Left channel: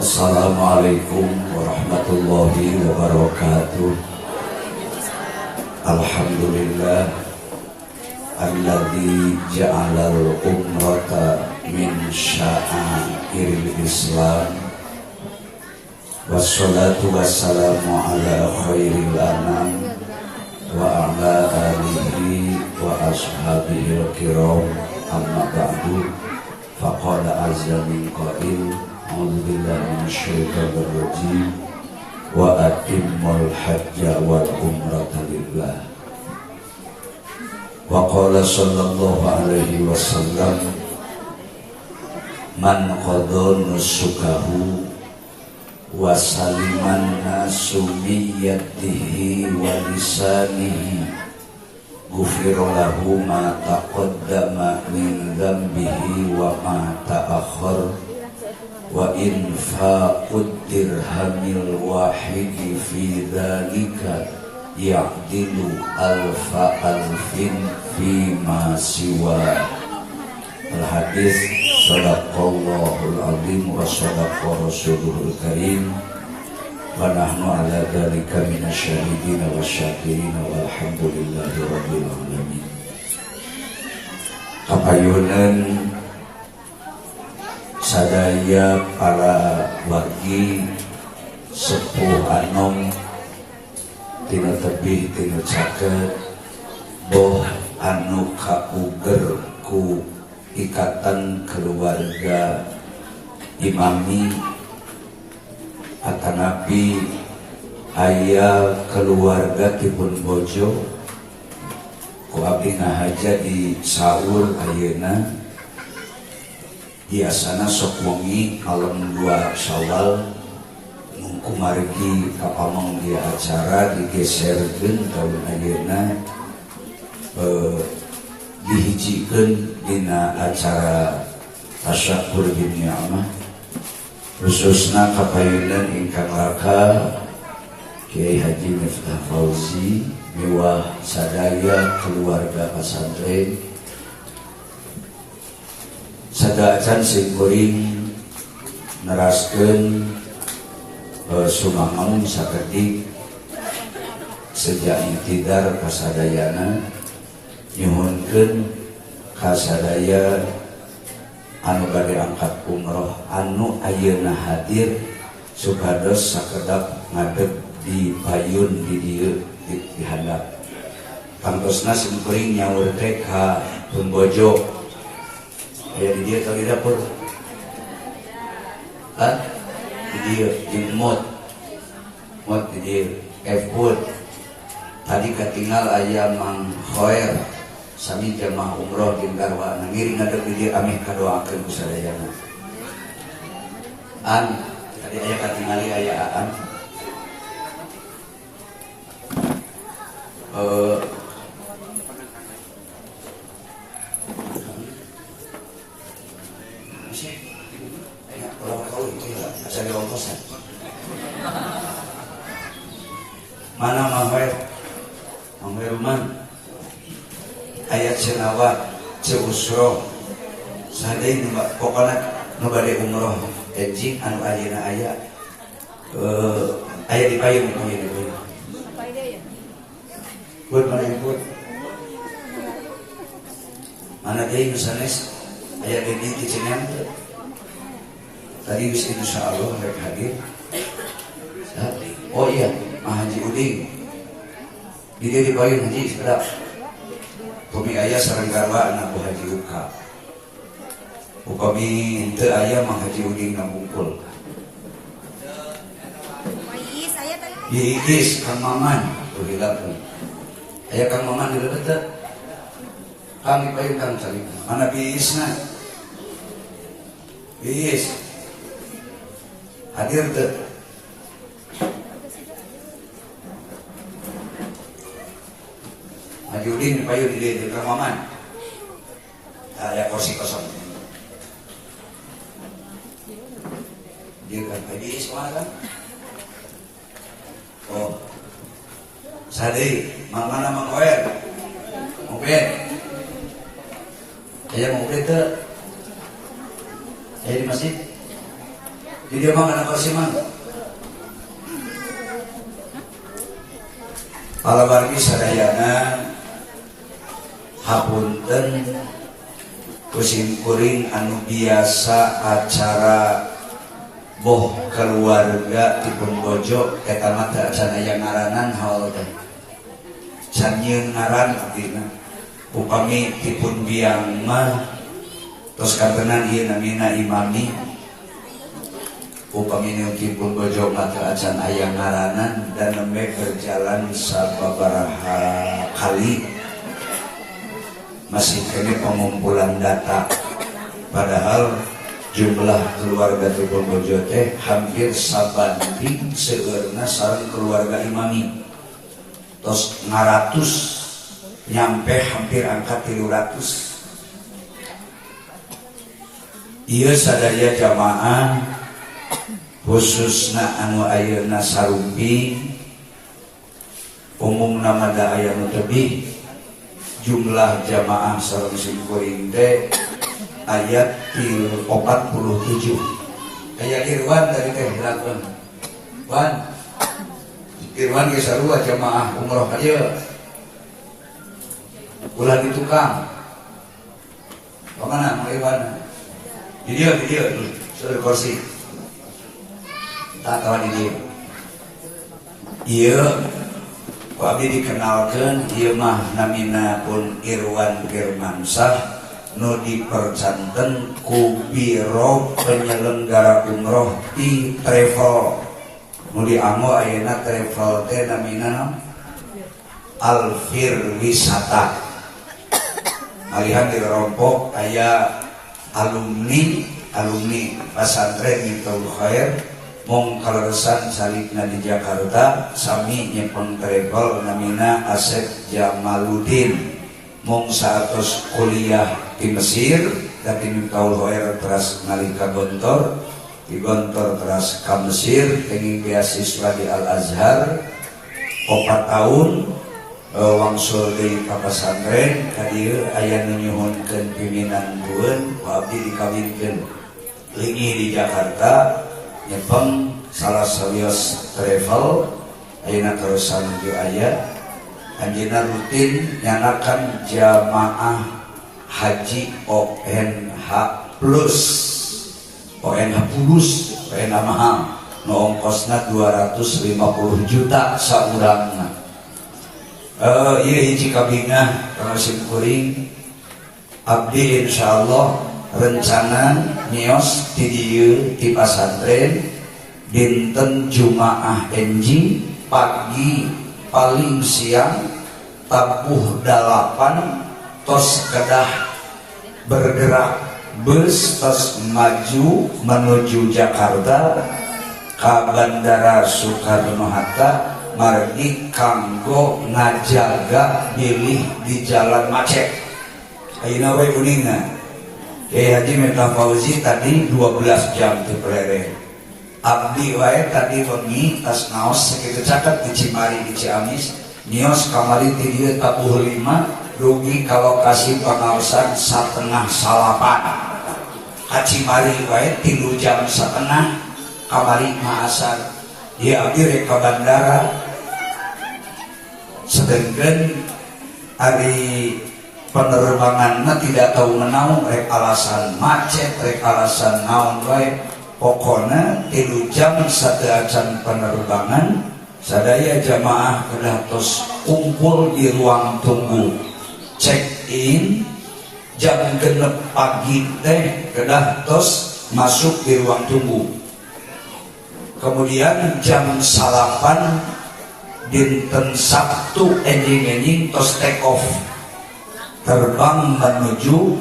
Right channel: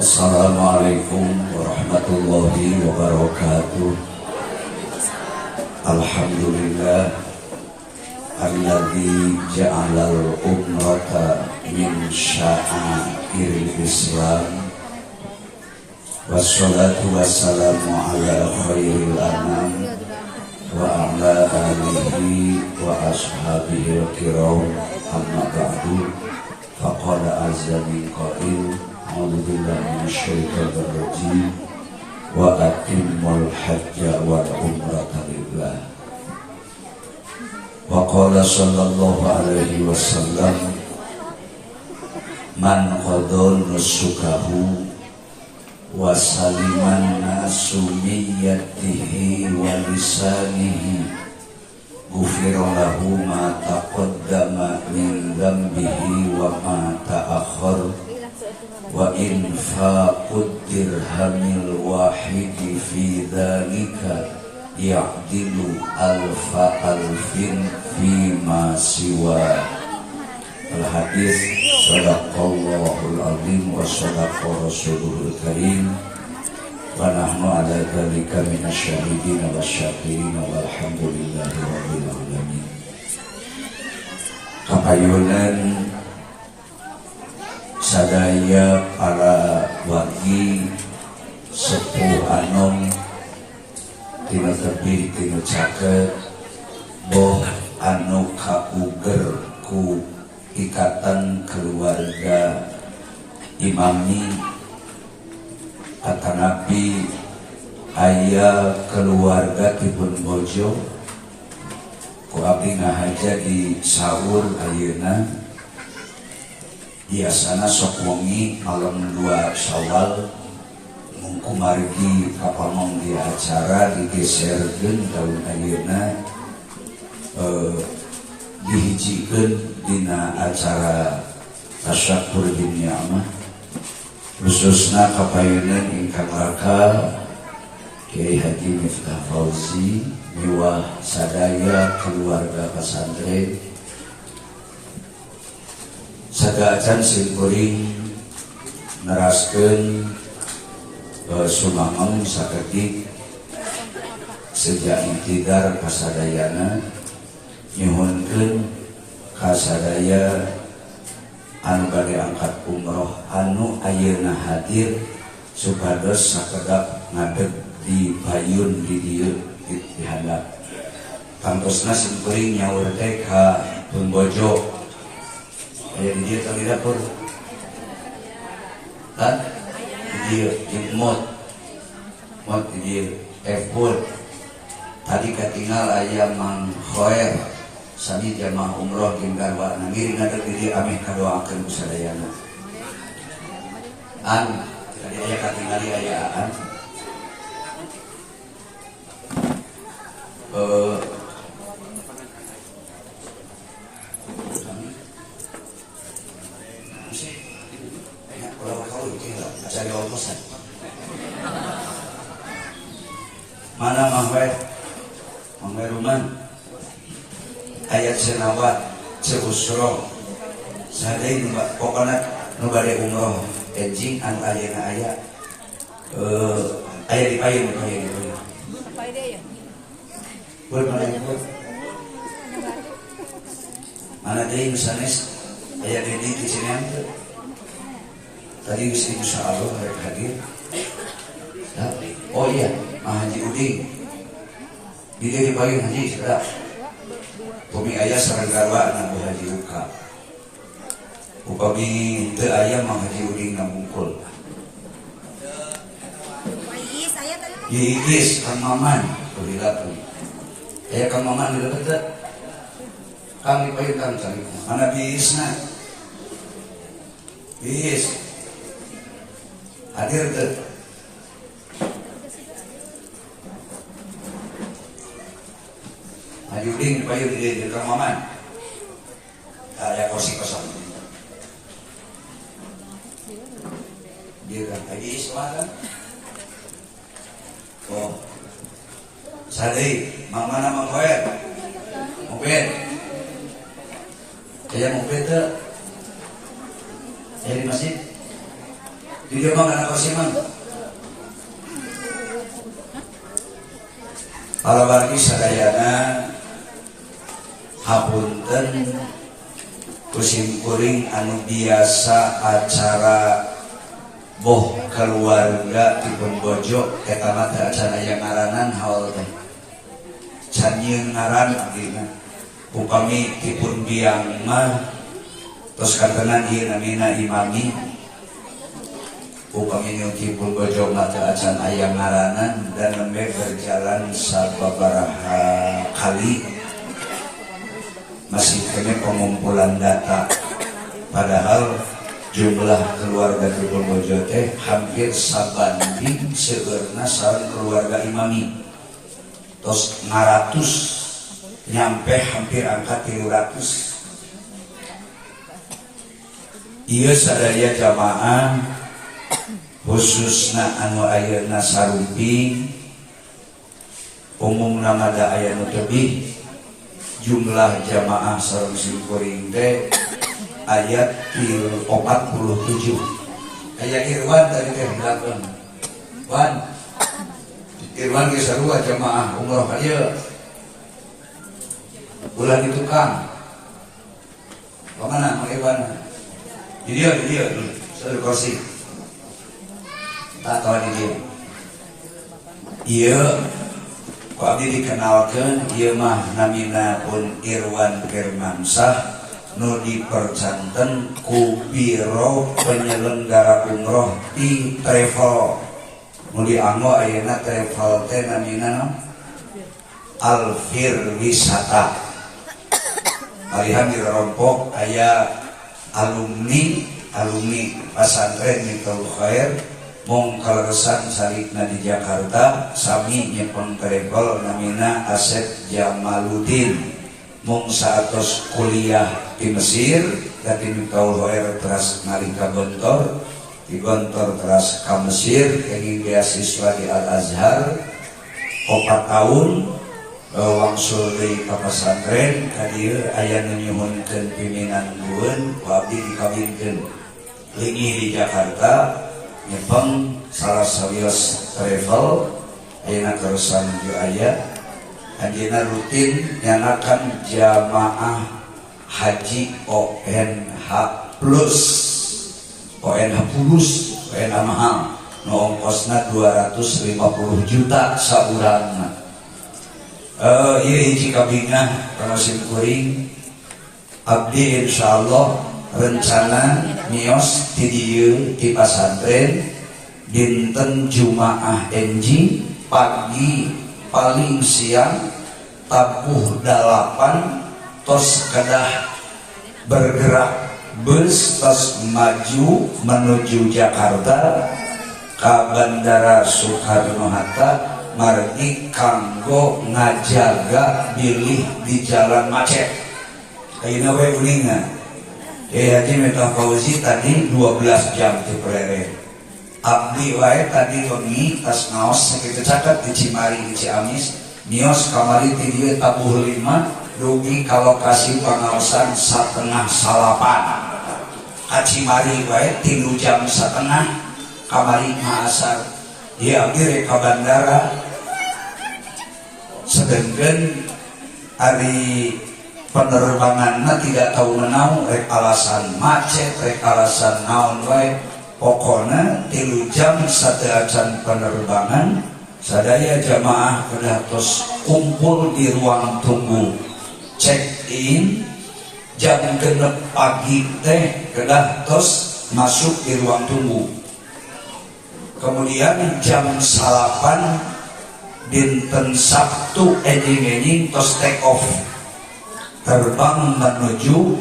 Assalamualaikum warahmatullahi wabarakatuh. Alhamdulillah alladzi ja'alal umrata min sya'airil Islam. Wassalatu wassalamu ala khairil anam wa ala alihi wa ashabihil kiram, amma ba'du. Faqala azza min qail, a'udzu billahi minasyaitonir rajim, wa atimmul hajja wal umrata lillah. Wa qala sallallahu alaihi wasallam, man qada nusukahu wa saliman nasu miyatihi wa lisanihi ghufira lahu ma taqaddama min dhanbihi wa ma ta'akhkhar wa infaqud dirhamil wahidi fi dhalika ya'dilu alfa alfin fi ma siwa. Al-hadis sadaqallahul azim wa sadaqa rasuluhul karim wa nahnu ala dzalika minasyahidin wasyakirin walhamdulillahi rabbil alamin. Kapayunan sadaya para wagi sepuh anom tina tebih tina caket boh anu kauger ku ikatan keluarga imami atanapi aya keluarga tipun bojo ku abdi ngahaja di saur ayeuna biasana sok wengi malam 2 Syawal mungku margi kapamong dia acara digeserkeun tahun ayeuna dihijikeun dina acara tasyakur bin ni'mah khususna kapayunan ingkang raka Kiai Haji Miftah Fauzi mewah sadaya keluarga pesantren sadaacan simkuring neraskeun sumangon sakedik sejak intidar kasadayana nyuhunkeun kasadaya anu bade angkat umroh anu ayeuna hadir supados sakedap ngadeg di payun di dieu di handap kantosna simkuring nyaur teh ka pembojo aya di dieu tadi dapur kan di dieu di mod di dieu F-Food tadi katinggal aya Mang Khoer sami jamaah umroh tinggal wana ngiring ngadeg di dieu ameh kadoakeun ku sadayana an tadi aya katingali aya an mana Mang Ruman ayat senawa ceusro sadai pokokna nu bade umroh ejing anu ayeuna aya aya di payun buat mana ikut mana deui sanes aya di sini tadi wis insyaallah hadir oh iya Haji Uding dia di payun haji sedap Bumi ayah sareng garwa anak Haji Uka upami teu aya Mang Haji Uding ngabungkul Iis Kang Maman kuhilapan aya Kang Maman di dekat Kang di payun Kang cari mana biisna biis hadir teu Haji Udin payun di Kang Maman ada kursi kosong dia kan Haji Ismail kan oh sadai Mang mana Mang Khoer mungkin ya mungkin itu ya di masjid Di dia mah anak korsiman. Palabargi sadayana hapunten kusim kuring anu biasa acara boh keluarga di Pembojo eta mah teu acan aya ngaranan haul teh. Can nyieun ngaran artina. Upami tipun biang mah tos kartenan ieu namina imami. Upami nu tipun bojo mah teu acan aya ngaranan dan nembe berjalan sababaraha kali masih kene pengumpulan data. Padahal jumlah keluarga di Pembojo teh hampir sabanding segerna sareng keluarga imami. Tos ngaratus nyampe hampir angka 300. Ieu sadaya jamaah khususna anu ayeuna sarumpi umumna mada aya nu tebih jumlah jamaah sareng simkuring teh ayat 47. Aya Irwan tadi teh belakang. Wan. Irwan ge sarua jamaah umroh ieu. Ulah di tukang. Pamana Irwan? Di dia, suruh kursi. Tak kawan di dia. Ieu ku abdi dikenalkeun ieu mah namina pun Irwan Firmansah nu dipercanten ku Biro Penyelenggara Umroh di Travel. Nu dianggo ayeuna travel teh namina Alfir Wisata. Malihan di Rompok aya alumni pesantren Miftahul Khair mung kaleresan salikna di Jakarta sami nyepeng travel namina Asep Jamaluddin mung saatos kuliah di Mesir dan di Miftahul Khair teras nalika Gontor di Gontor teras ka Mesir ingin beasiswa di Al Azhar 4 tahun wangsul deui ka pesantren kadieu aya nu nyuhunkeun pimpinan bueun abdi dikawinkeun leungih di Jakarta nyepeng salah sawios travel ayeuna terusan di aya anjeunna rutin nyanakan jamaah haji ONH plus ONH mahal nu ongkosna 250 juta saurangna. Ieu hiji kabinah kamusim kuring abdi insyaallah rencana nios di dieu di pasantren dinten Jumaah enjing pagi paling siang tabuh 8 tos kedah bergerak bus tos maju menuju Jakarta ke Bandara Soekarno-Hatta margi kanggo ngajaga bilih di jalan macet. Ayeuna we uningan. Haji Meta Fauzi tadi 12 jam di Pelere. Abdi wae tadi wengi tas naos sakitu caket di Cimari di Ciamis, nios kamari ti dieu tabuh 5 dugi ka lokasi pangaosan 7:30 salapan. Ka Cimari wae 3 jam 1/2 kamari ngaasar. Ieu abdi rek ka bandara sedengkeun hari penerbanganna tidak tahu menaun rek alasan macet rek alasan naon wae pokona 3 jam sateacan penerbangan sadaya jamaah kedah tos kumpul di ruang tunggu check in jam 6 pagi teh kedah tos masuk di ruang tunggu kemudian jam 8 dinten Sabtu enjing tos take off terbang menuju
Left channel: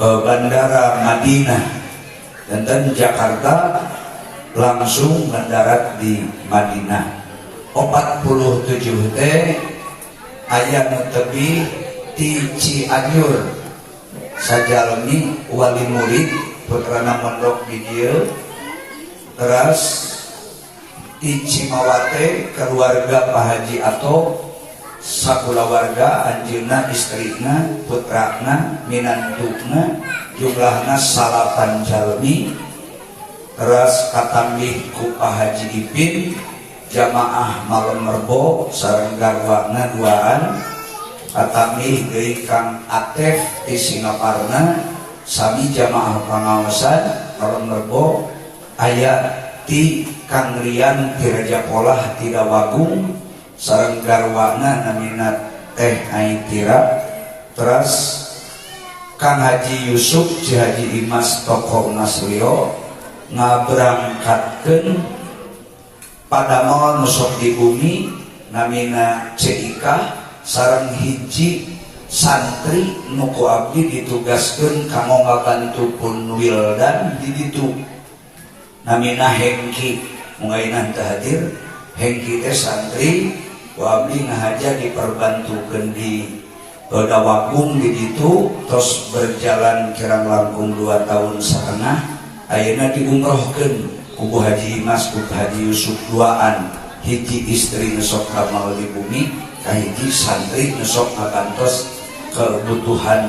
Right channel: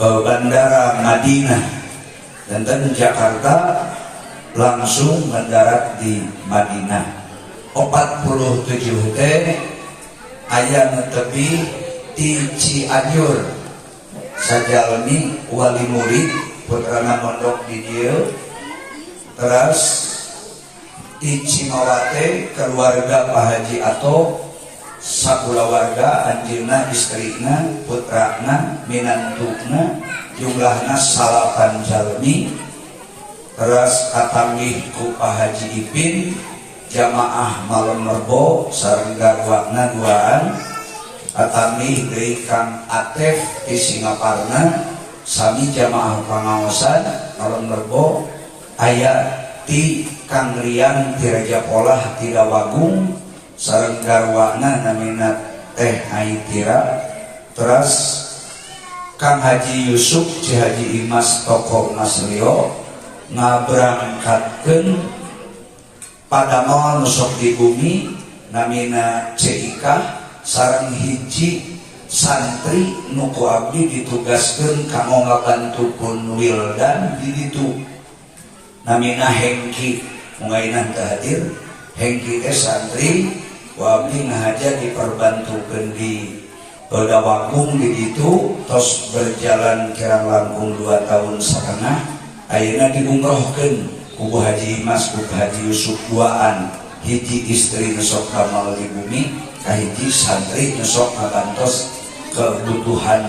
Bandara Madinah dan Jakarta langsung mendarat di Madinah. 47 teh aya nu tebih di Cianjur sajalmi wali murid putrana mondok di dieu teras di Cimawate keluarga Pak Haji Ato sakulawarga anjeunna istrina putrana minantuna jumlahna 8 jalmi Terus katamih ku Pak Haji Ipin jamaah Malem Merbo sareng garwana duaan. Katamih deui Kang Atef di Singaparna sami jamaah pangaosan Malem Merbo. Aya ti Kang Rian ti Raja Polah ti Dawagung sareng garwana namina Teh Aitira. Terus Kang Haji Yusuf Ci Haji Imas Toko Masrio ngaberangkatkeun padamel nusuk di bumi namina CIK sareng hiji santri nuku abdi ditugaskeun kanggo ngabantukeun Wildan di ditu namina Hengki mungainan teu hadir. Hengki teh santri ku abdi ngahaja diperbantukeun di Dawagung di ditu tos berjalan kirang langkung 2 tahun setengah. Ayeuna diumrohkeun ku Haji Imas ku Haji Yusuf duaan hiji istri nesok kamal di bumi kahiji santri nesok ngabantos kebutuhan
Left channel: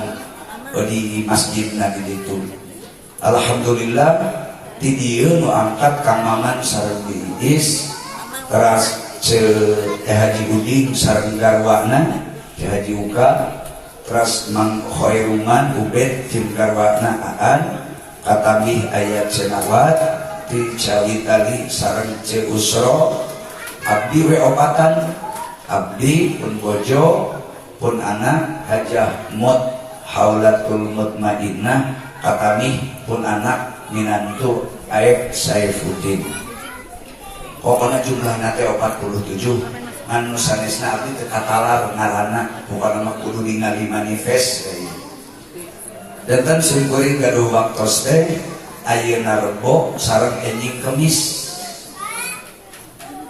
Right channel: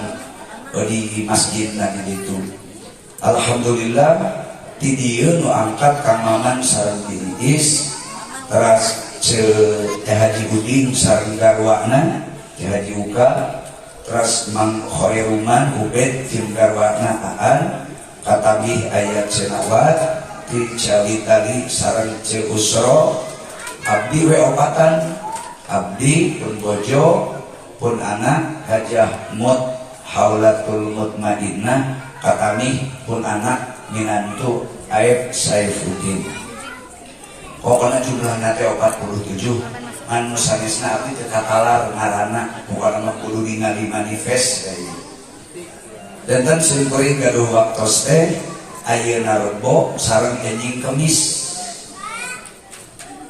di masjid di ditu. Alhamdulillah ti dieu nu angkat Kang Maman sareng Iis teras Teh Haji Udin sareng garwana Teh Haji Uka teras Mang Khoiruman Ubed tim garwana Aan katamih ayat Cenawat ti Cawitali sareng Ceusro abdi we opatan abdi pun bojo pun anak Hajah Mut Haulatul Mutmainah katamih pun anak minantu Aib Saifuddin. Pokoknya jumlahna teh 47 anu sanesna abdi teu katalar ngaranna bukan kudu ningali manifest ya. Danten sering gaduh waktos teh ayeuna Rebo sareng enjing Kemis.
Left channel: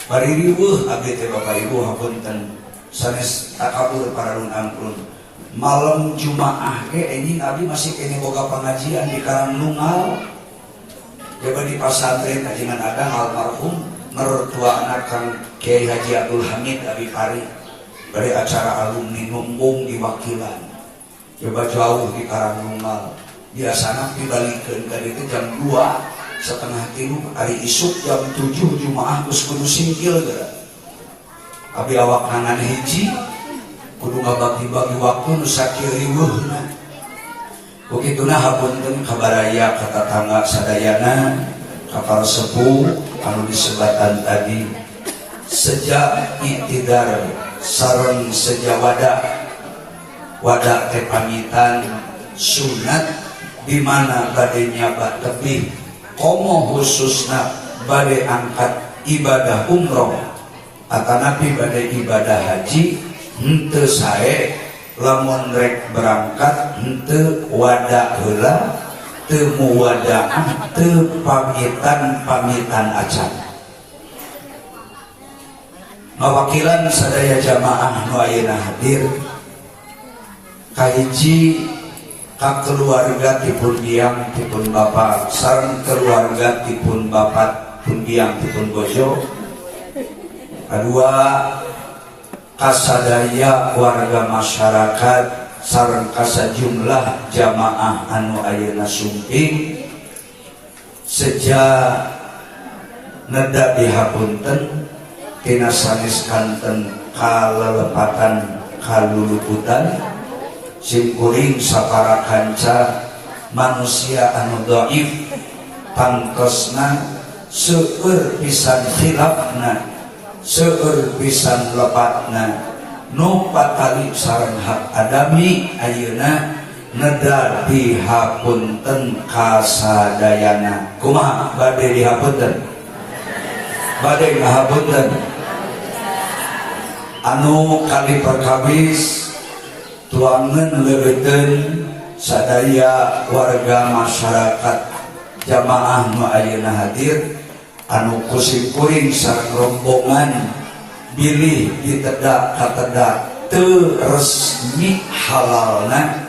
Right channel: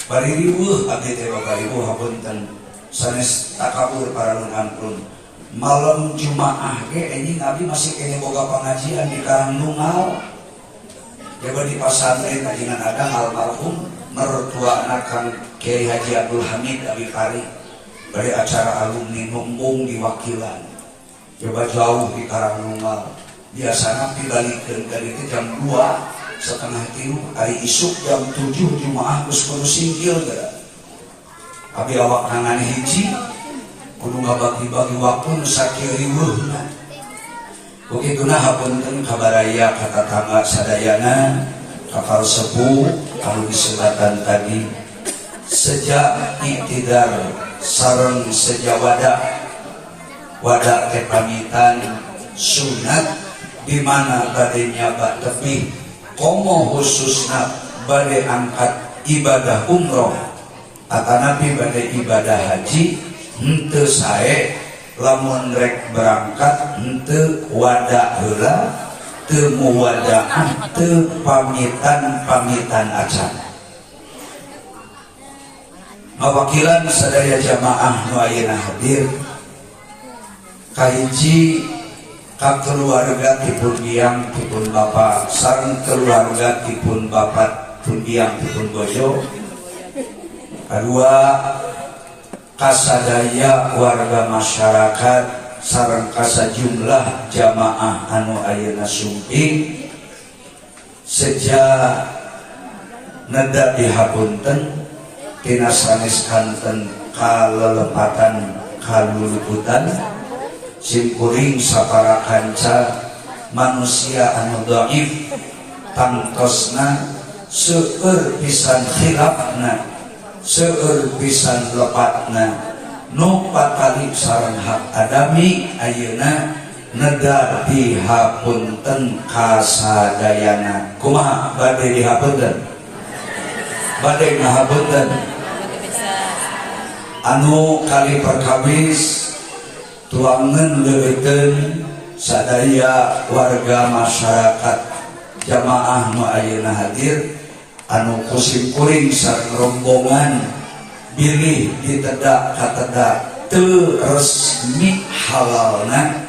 Bari riweuh abdi teh Bapak Ibu hapunten sanes takabur paralun ampun. Malam Jumaah ge enjing abdi masih kene boga pengajian di Karangnungal. Jaga di pasantren kajian Adang almarhum mertua anak Kang Kiai Haji Abdul Hamid Abi Pari. Bari acara alumni numbung diwakilan. Coba jauh di Karangnungal biasanya dibalikkan ke itu jam 2:30 hari isuk jam 7 Jumaah kudu singkil gara abi awak hangan hiji kudu ngabagi-bagi waktu nu sakir riweuhna bukituna hapunten kabaraya ka tetangga sadayana kapal sepuh anu disebatan tadi sejak iktidar sareng sejawada wadah teh pamitan sunat di mana bade nyaba tebih komo khususna bade angkat ibadah umroh atanapi bade ibadah haji henteu sae lamun rek berangkat henteu wada heula teu muwada'ah teu pamitan acan. Mawakilan sadaya jamaah nu ayeuna hadir kahiji ka keluarga tipun biang tipun bapak sareng keluarga tipun bapak tipun biang tipun bojo. Kedua kasadaya warga masyarakat sareng kasajumlah jamaah anu ayeuna sumping sejak neda dihapunten tina sanes kanten kalelepatan kaluluputan simkuring sapara kanca manusia anu dhaif tangtosna seueur pisan khilafna seueur pisan lepatna nu patali sareng hak adami ayeuna neda dihapunten kasadayana. Kumaha bade dihapunten? Bade ngahapunten anu kali perkawis tuangan leureuten sadaya warga masyarakat jamaah nu ayeuna hadir anu kuring sareng rombongan bilih ditedak katedak teu resmi halalna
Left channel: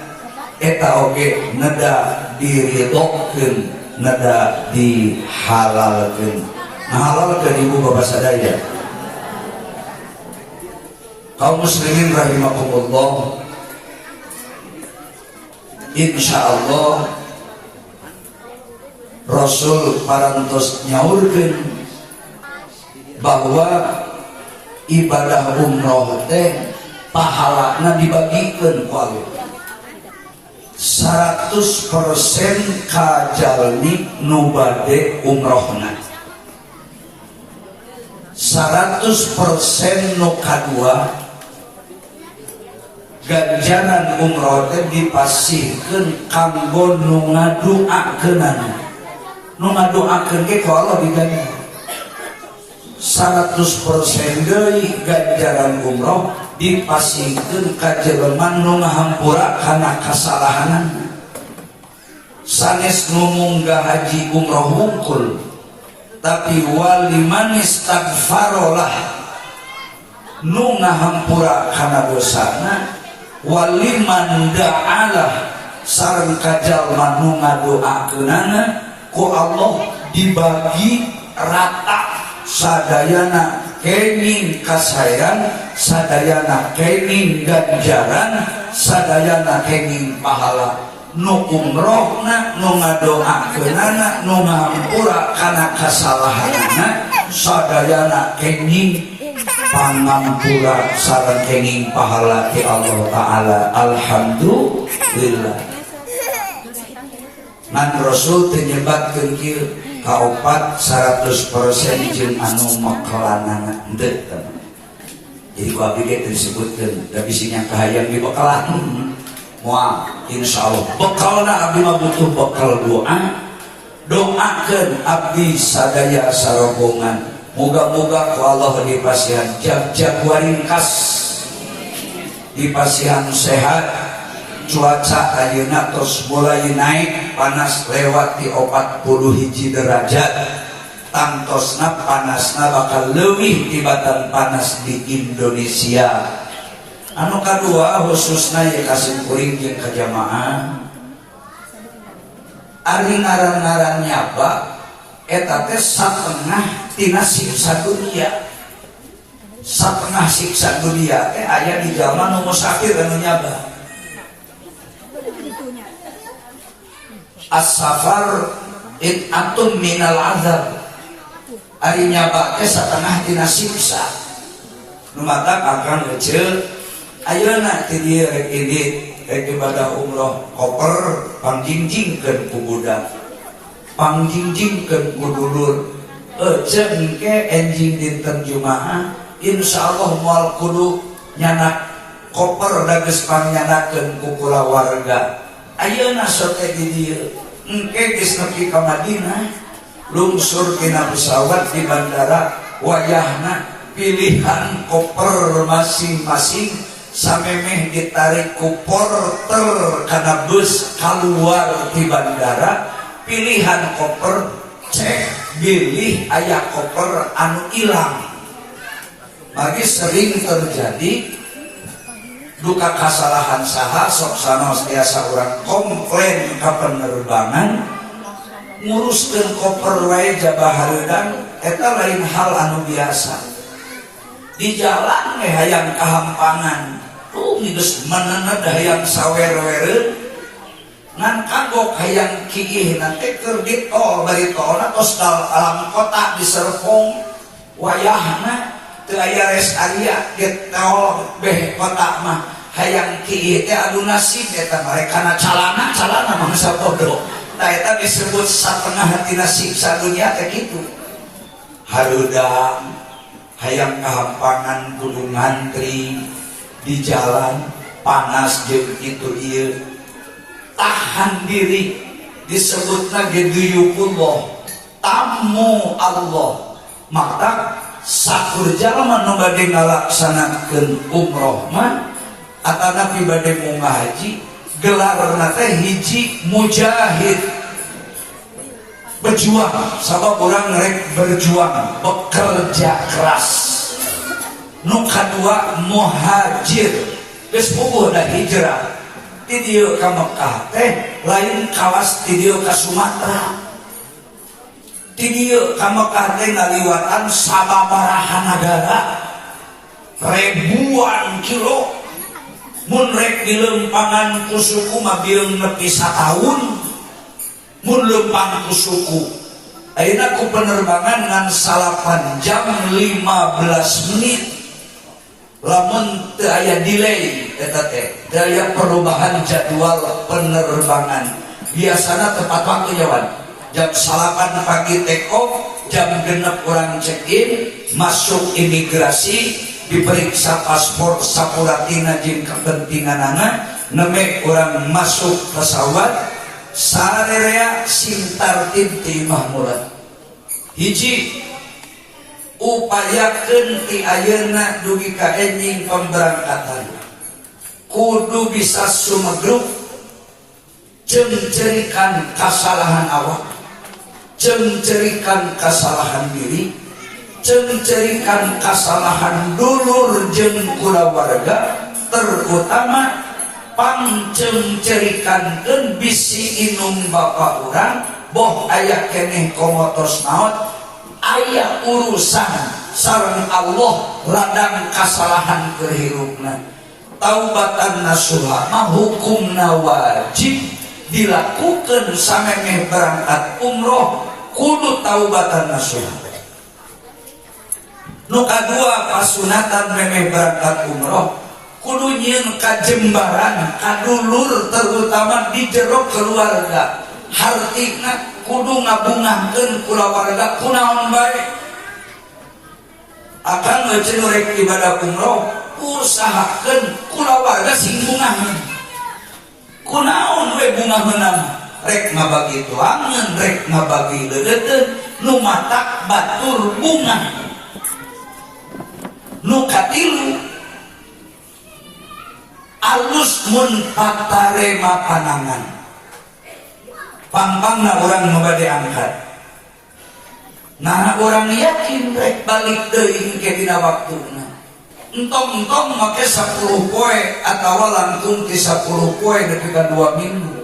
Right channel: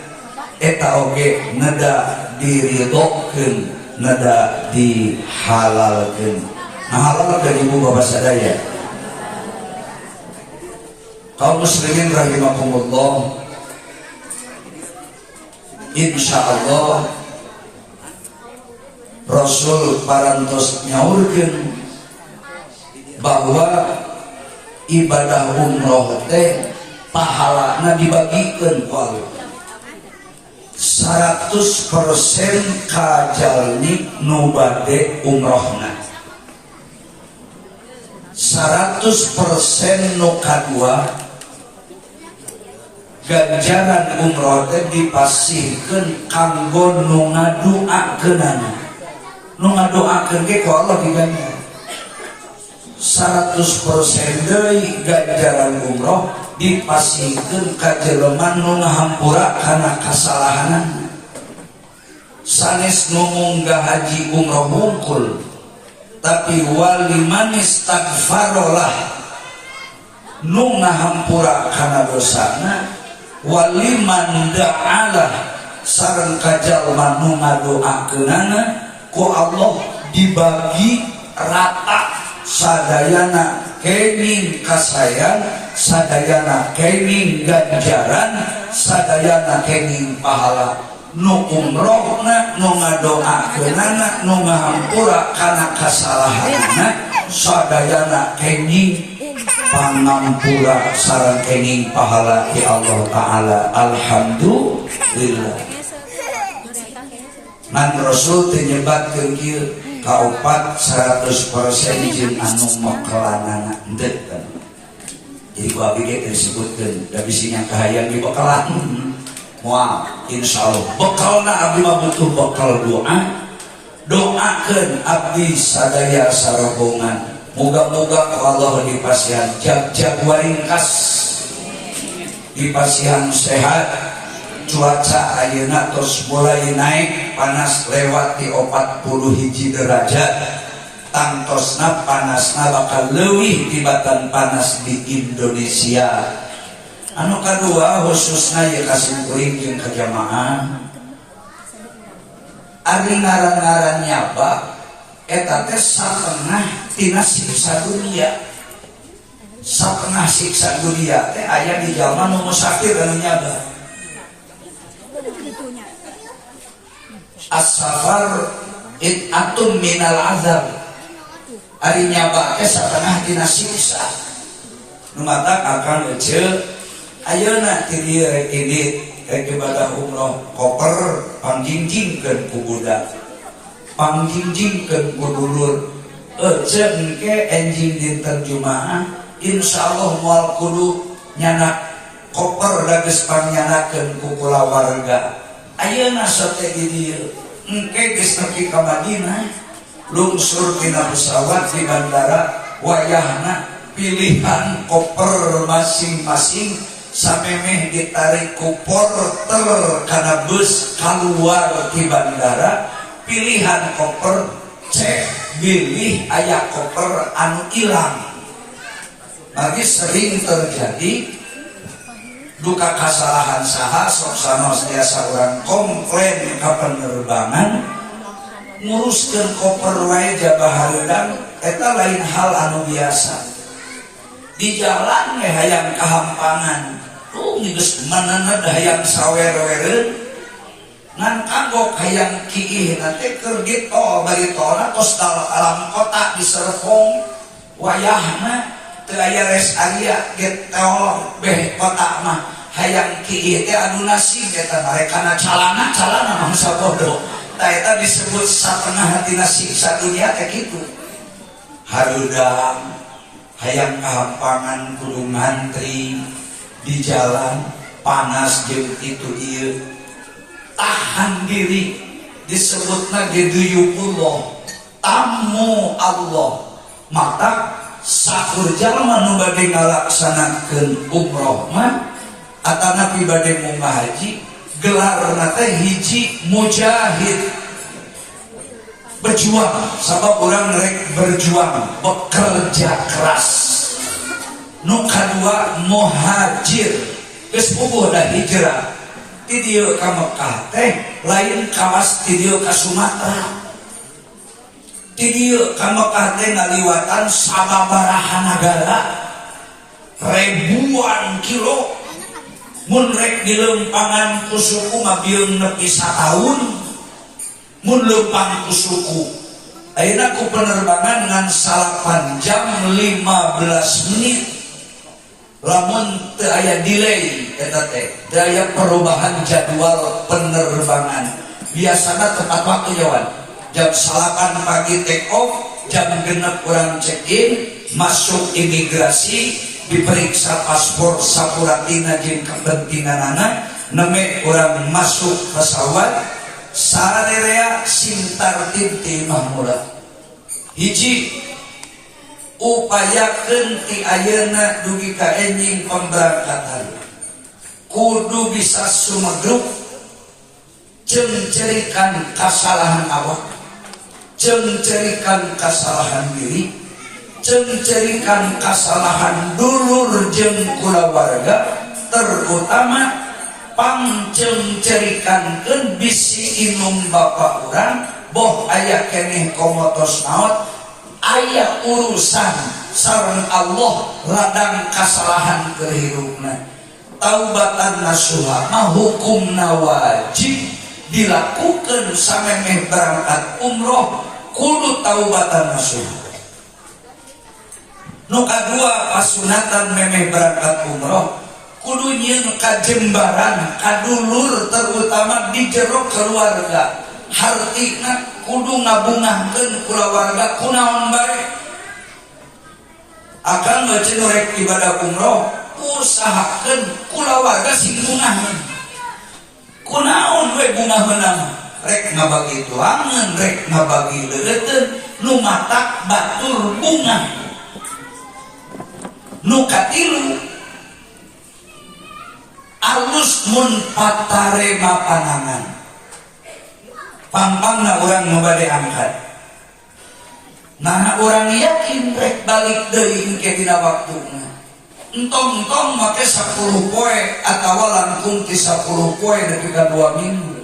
eta oge neda diridhokeun neda dihalalkeun. Nah halalkeun ibu bapak sadaya kaum muslimin rahimakumullah. Insyaallah Rasul parantos nyaurkeun bahwa ibadah umroh teh pahalana dibagikeun ku Allah 100% ka jalmi nu bade umrohna, 100% nu kadua ganjaran umroh teh dipasihkeun kanggo nu ngadoakeunana. Nu ngadoakeun ge ku Allah diganti 100% deui ganjaran umroh dipasihkeun ka jelema nu ngahampura kana kasalahanan. Sanes nu munggah haji umroh hungkul, tapi waliman istaghfarolah nu ngahampura kana dosana, waliman da'alah sareng ka jalma nu ngadoakeunana ku Allah dibagi rata sadayana kenging kasayang, sadayana kenging ganjaran, sadayana kenging pahala. Nu umrohna nu ngadoakeunana nu ngahampura kana kasalahanana sadayana kenging pangampura sareng kenging pahala ti Allah taala. Alhamdulillah. Nan Rasul teh nyebatkeun kieu kaopat 100% jeung anu mekelanana henteu. Jadi ku abdi ge disebutkeun da bisinya kahayang di bekalan. Moal insyaallah bekalna abdi mah butuh bekal doa. Doakeun abdi sadaya sarobongan. Moga-moga Allah dipasihan jag waringkas, dipasihan sehat, cuaca ayeuna terus mulai naik, panas lewat di 41 derajat, tangtosna panasna bakal leuwih tibatan panas di Indonesia. Anu kadua khususna ya kasih kuring jeung ka jamaah ari ngaran-ngaran nyaba eta teh satengah tina siksa dunia. Satengah siksa dunia teh aya di jalma nu musafir anu nyaba. As-safar it'atun minal azab. Ari nyaba teh satengah tina siksa. Nu mata akang eceuk ayeuna ti dieu rek idit rek ibadah umroh koper pangjingjingkeun ku budak, pangjingjingkeun ku dulur. Eceun ke enjing dinten Jumaah insyaallah moal kudu nyanak koper da geus pannyanakeun ku kulawarga. Ayeuna sote di dieu engke geus nepi ka Madinah, lungsur tina pesawat di bandara, wayahna pilihan koper masing-masing samemeh ditarik ku porter kana bus keluar di bandara. Pilihan koper cek pilih aya koper anu ilang. Mari sering terjadi duka kesalahan saha sok sanos biasa orang komplain ka penerbangan nguruskeun koper wae jabahareudang eta lain hal anu biasa. Di jalan hayang kahampangan geus manana hayang sawer-wereun ngan kagok hayang kiih nanti keur di tol bari tolna tos alam kota di Serpong wayahna teu aya res area ge tol beh kota mah hayang kiih teh adu nasib eta mah kana calana mangsa bodoh tah eta disebut satengah tina siksa dunia teh kitu. Harudang hayang kahampangan kudu ngantri di jalan panas jeung kitu ieu tahan diri disebutna geduyukullah tamu Allah. Maka sakur jalma nu bade ngalaksanakeun umroh mah atana pi bade munggah haji gelarna teh hiji mujahid, berjuang sabab urang rek berjuang bekerja keras. Nu kadua muhajir geus puguh da hijrah ti dieu ka Mekah teh lain kawas ti dieu ka Sumatera. Ti dieu ka Mekah teh ngaliwatan sababaraha nagara ribuan kilo. Mun rek dilempangan ku suku mah bieung nepi sataun mun leumpang ku suku ayeuna ku penerbangan ngan 8 jam 15 menit lamun teu aya delay eta teh teu aya perubahan jadwal penerbangan biasana tepat waktu jawan jam 8 pagi take off jam 6 urang check in masuk imigrasi diperiksa paspor sakuratina jeung kepentinganana neme urang masuk pesawat sarerea sim tartib ti Imah Murad hiji upayakeun ti ayeuna dugi ka enjing pemberangkatan kudu bisa sumegruk jeung cerikan kasalahan awak jeung cerikan kasalahan diri jeung cerikan kasalahan dulur jeung kulawarga terutama pangceng cerikankeun bisi inung bapak urang boh aya keneh komotos naon aya urusan sareng Allah ladang kasalahan keur hirupna taubatan nasuha mah hukumna wajib dilakukeun samemeh berangkat umroh kudu taubatan nasuha nu kadua pasunatan memeh berangkat umroh kudu nyieun kajembaran kadulur terutama di jero keluarga hartina kudu ngabungahkeun kulawarga kunaon bae akan baca rek ibadah umroh usahakeun kulawarga sing bungahan kunaon we bungaheunna rek mabagi tuangan rek mabagi deudeuteun nu matak batur bunga nu katilu alus mun patarema panangan pampangna urang nu bade angkat nah urang yakin rek balik deui ke dina waktuna entong-entong make 10 poe atawa langkung ti 10 poe nepi ka 2 minggu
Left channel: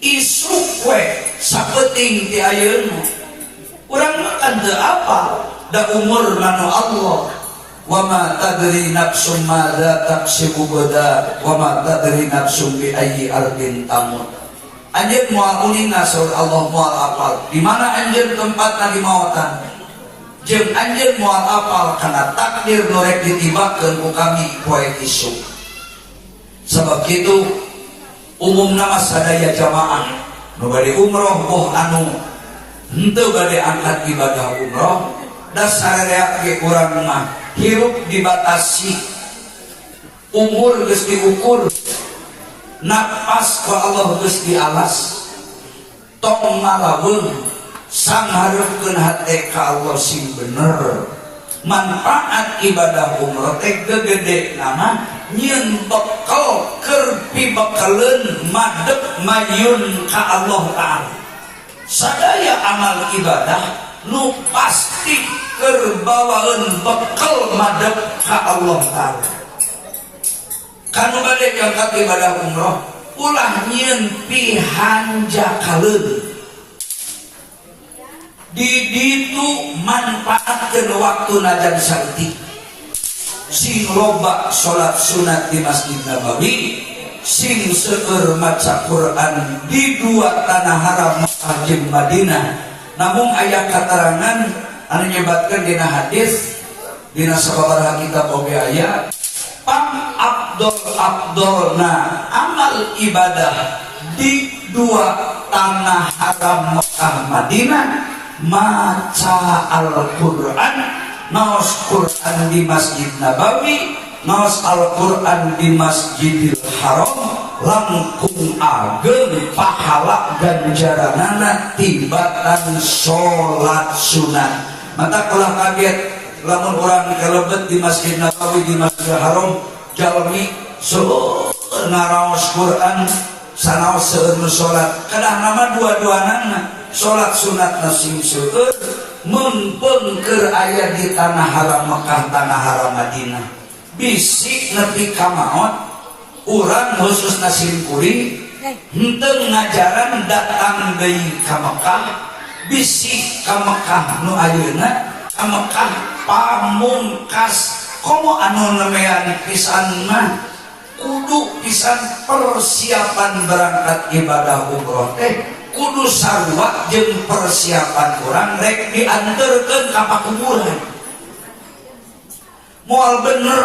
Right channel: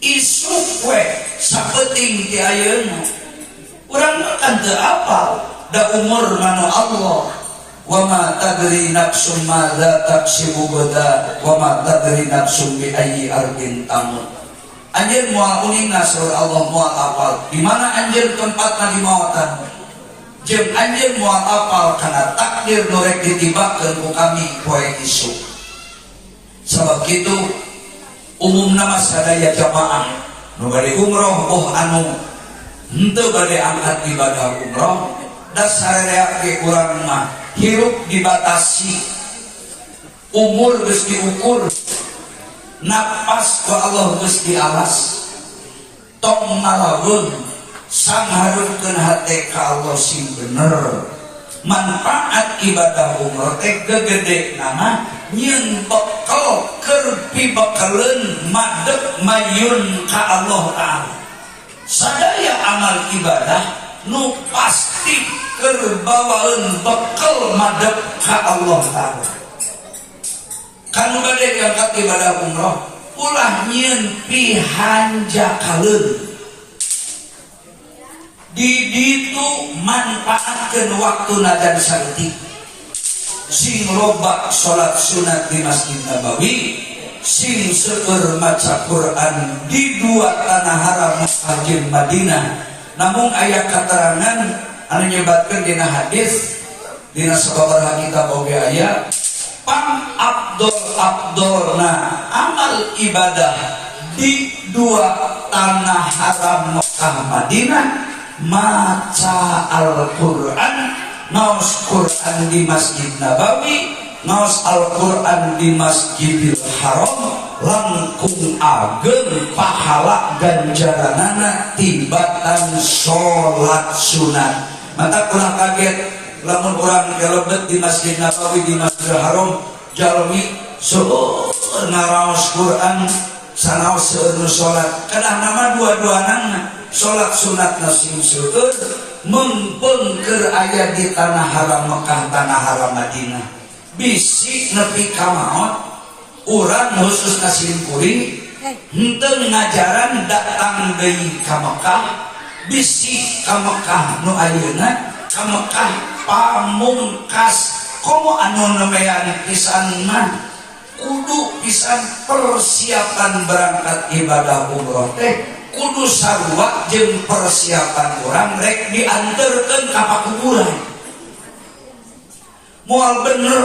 isuk poe saeuting ti ayeuna urang mah kan teu apal da umur nanu Allah wa ma tadri nafsum madza taksibu gada wa ma tadri nafsum bi ayyi ardin tamut anjeun moal ulingna saur Allah moal apal di mana anjeun tempatna di maotan jeung anjeun moal apal kana takdir nu rek ditibakeun ku kami poe isuk sabab kitu umumna sadaya jamaah nu bade umroh boh anu henteu bade angkat ibadah umroh dasar ge urang mah hirup dibatasi umur geus diukur napas ku Allah geus dialas tong ngalaweun sanghareukeun hate ka Allah sing bener manfaat ibadah umroh teh gede nama nyieun bekal keur pibekaleun madeg mayun ka Allah taala sadaya amal ibadah nu pasti keur bawaeun bekal madeg ka Allah taala kanu bade diangkat ibadah umroh ulah nyieun pihanjakaleun di ditu manfaatkeun waktuna dan sarti sing loba salat sunat di Masjid Nabawi sing seueur maca Quran di dua tanah haram Makkah jeung Madinah namun aya katerangan anu nyebatkeun dina hadis dina sababaraha kitab oge aya pang abdolna amal ibadah di dua tanah haram Makkah Madinah maca Al-Quran naos Quran di Masjid Nabawi naos Al-Quran di Masjidil Haram langkung ageng pahala ganjaranana tibatan sholat sunat mata kelah kaget lamun urang kelebet di Masjid Nabawi di Masjidil Haram jalmi seueur naraos Quran sanaos seueur sholat kadah nama dua-duanana sholat sunat sing seueur mempeng keur aya di tanah haram Mekah tanah haram Madinah bisi nepi ka maot urang khususna simkuring henteu ngajaran datang deui ka Mekah bisi ka Mekah nu ayeuna ka Mekah pamungkas komo anu nemean pisan mah kudu pisan persiapan berangkat ibadah umroh teh kudu sarua jeung persiapan urang rek dianterkeun ka pakuburan. Moal bener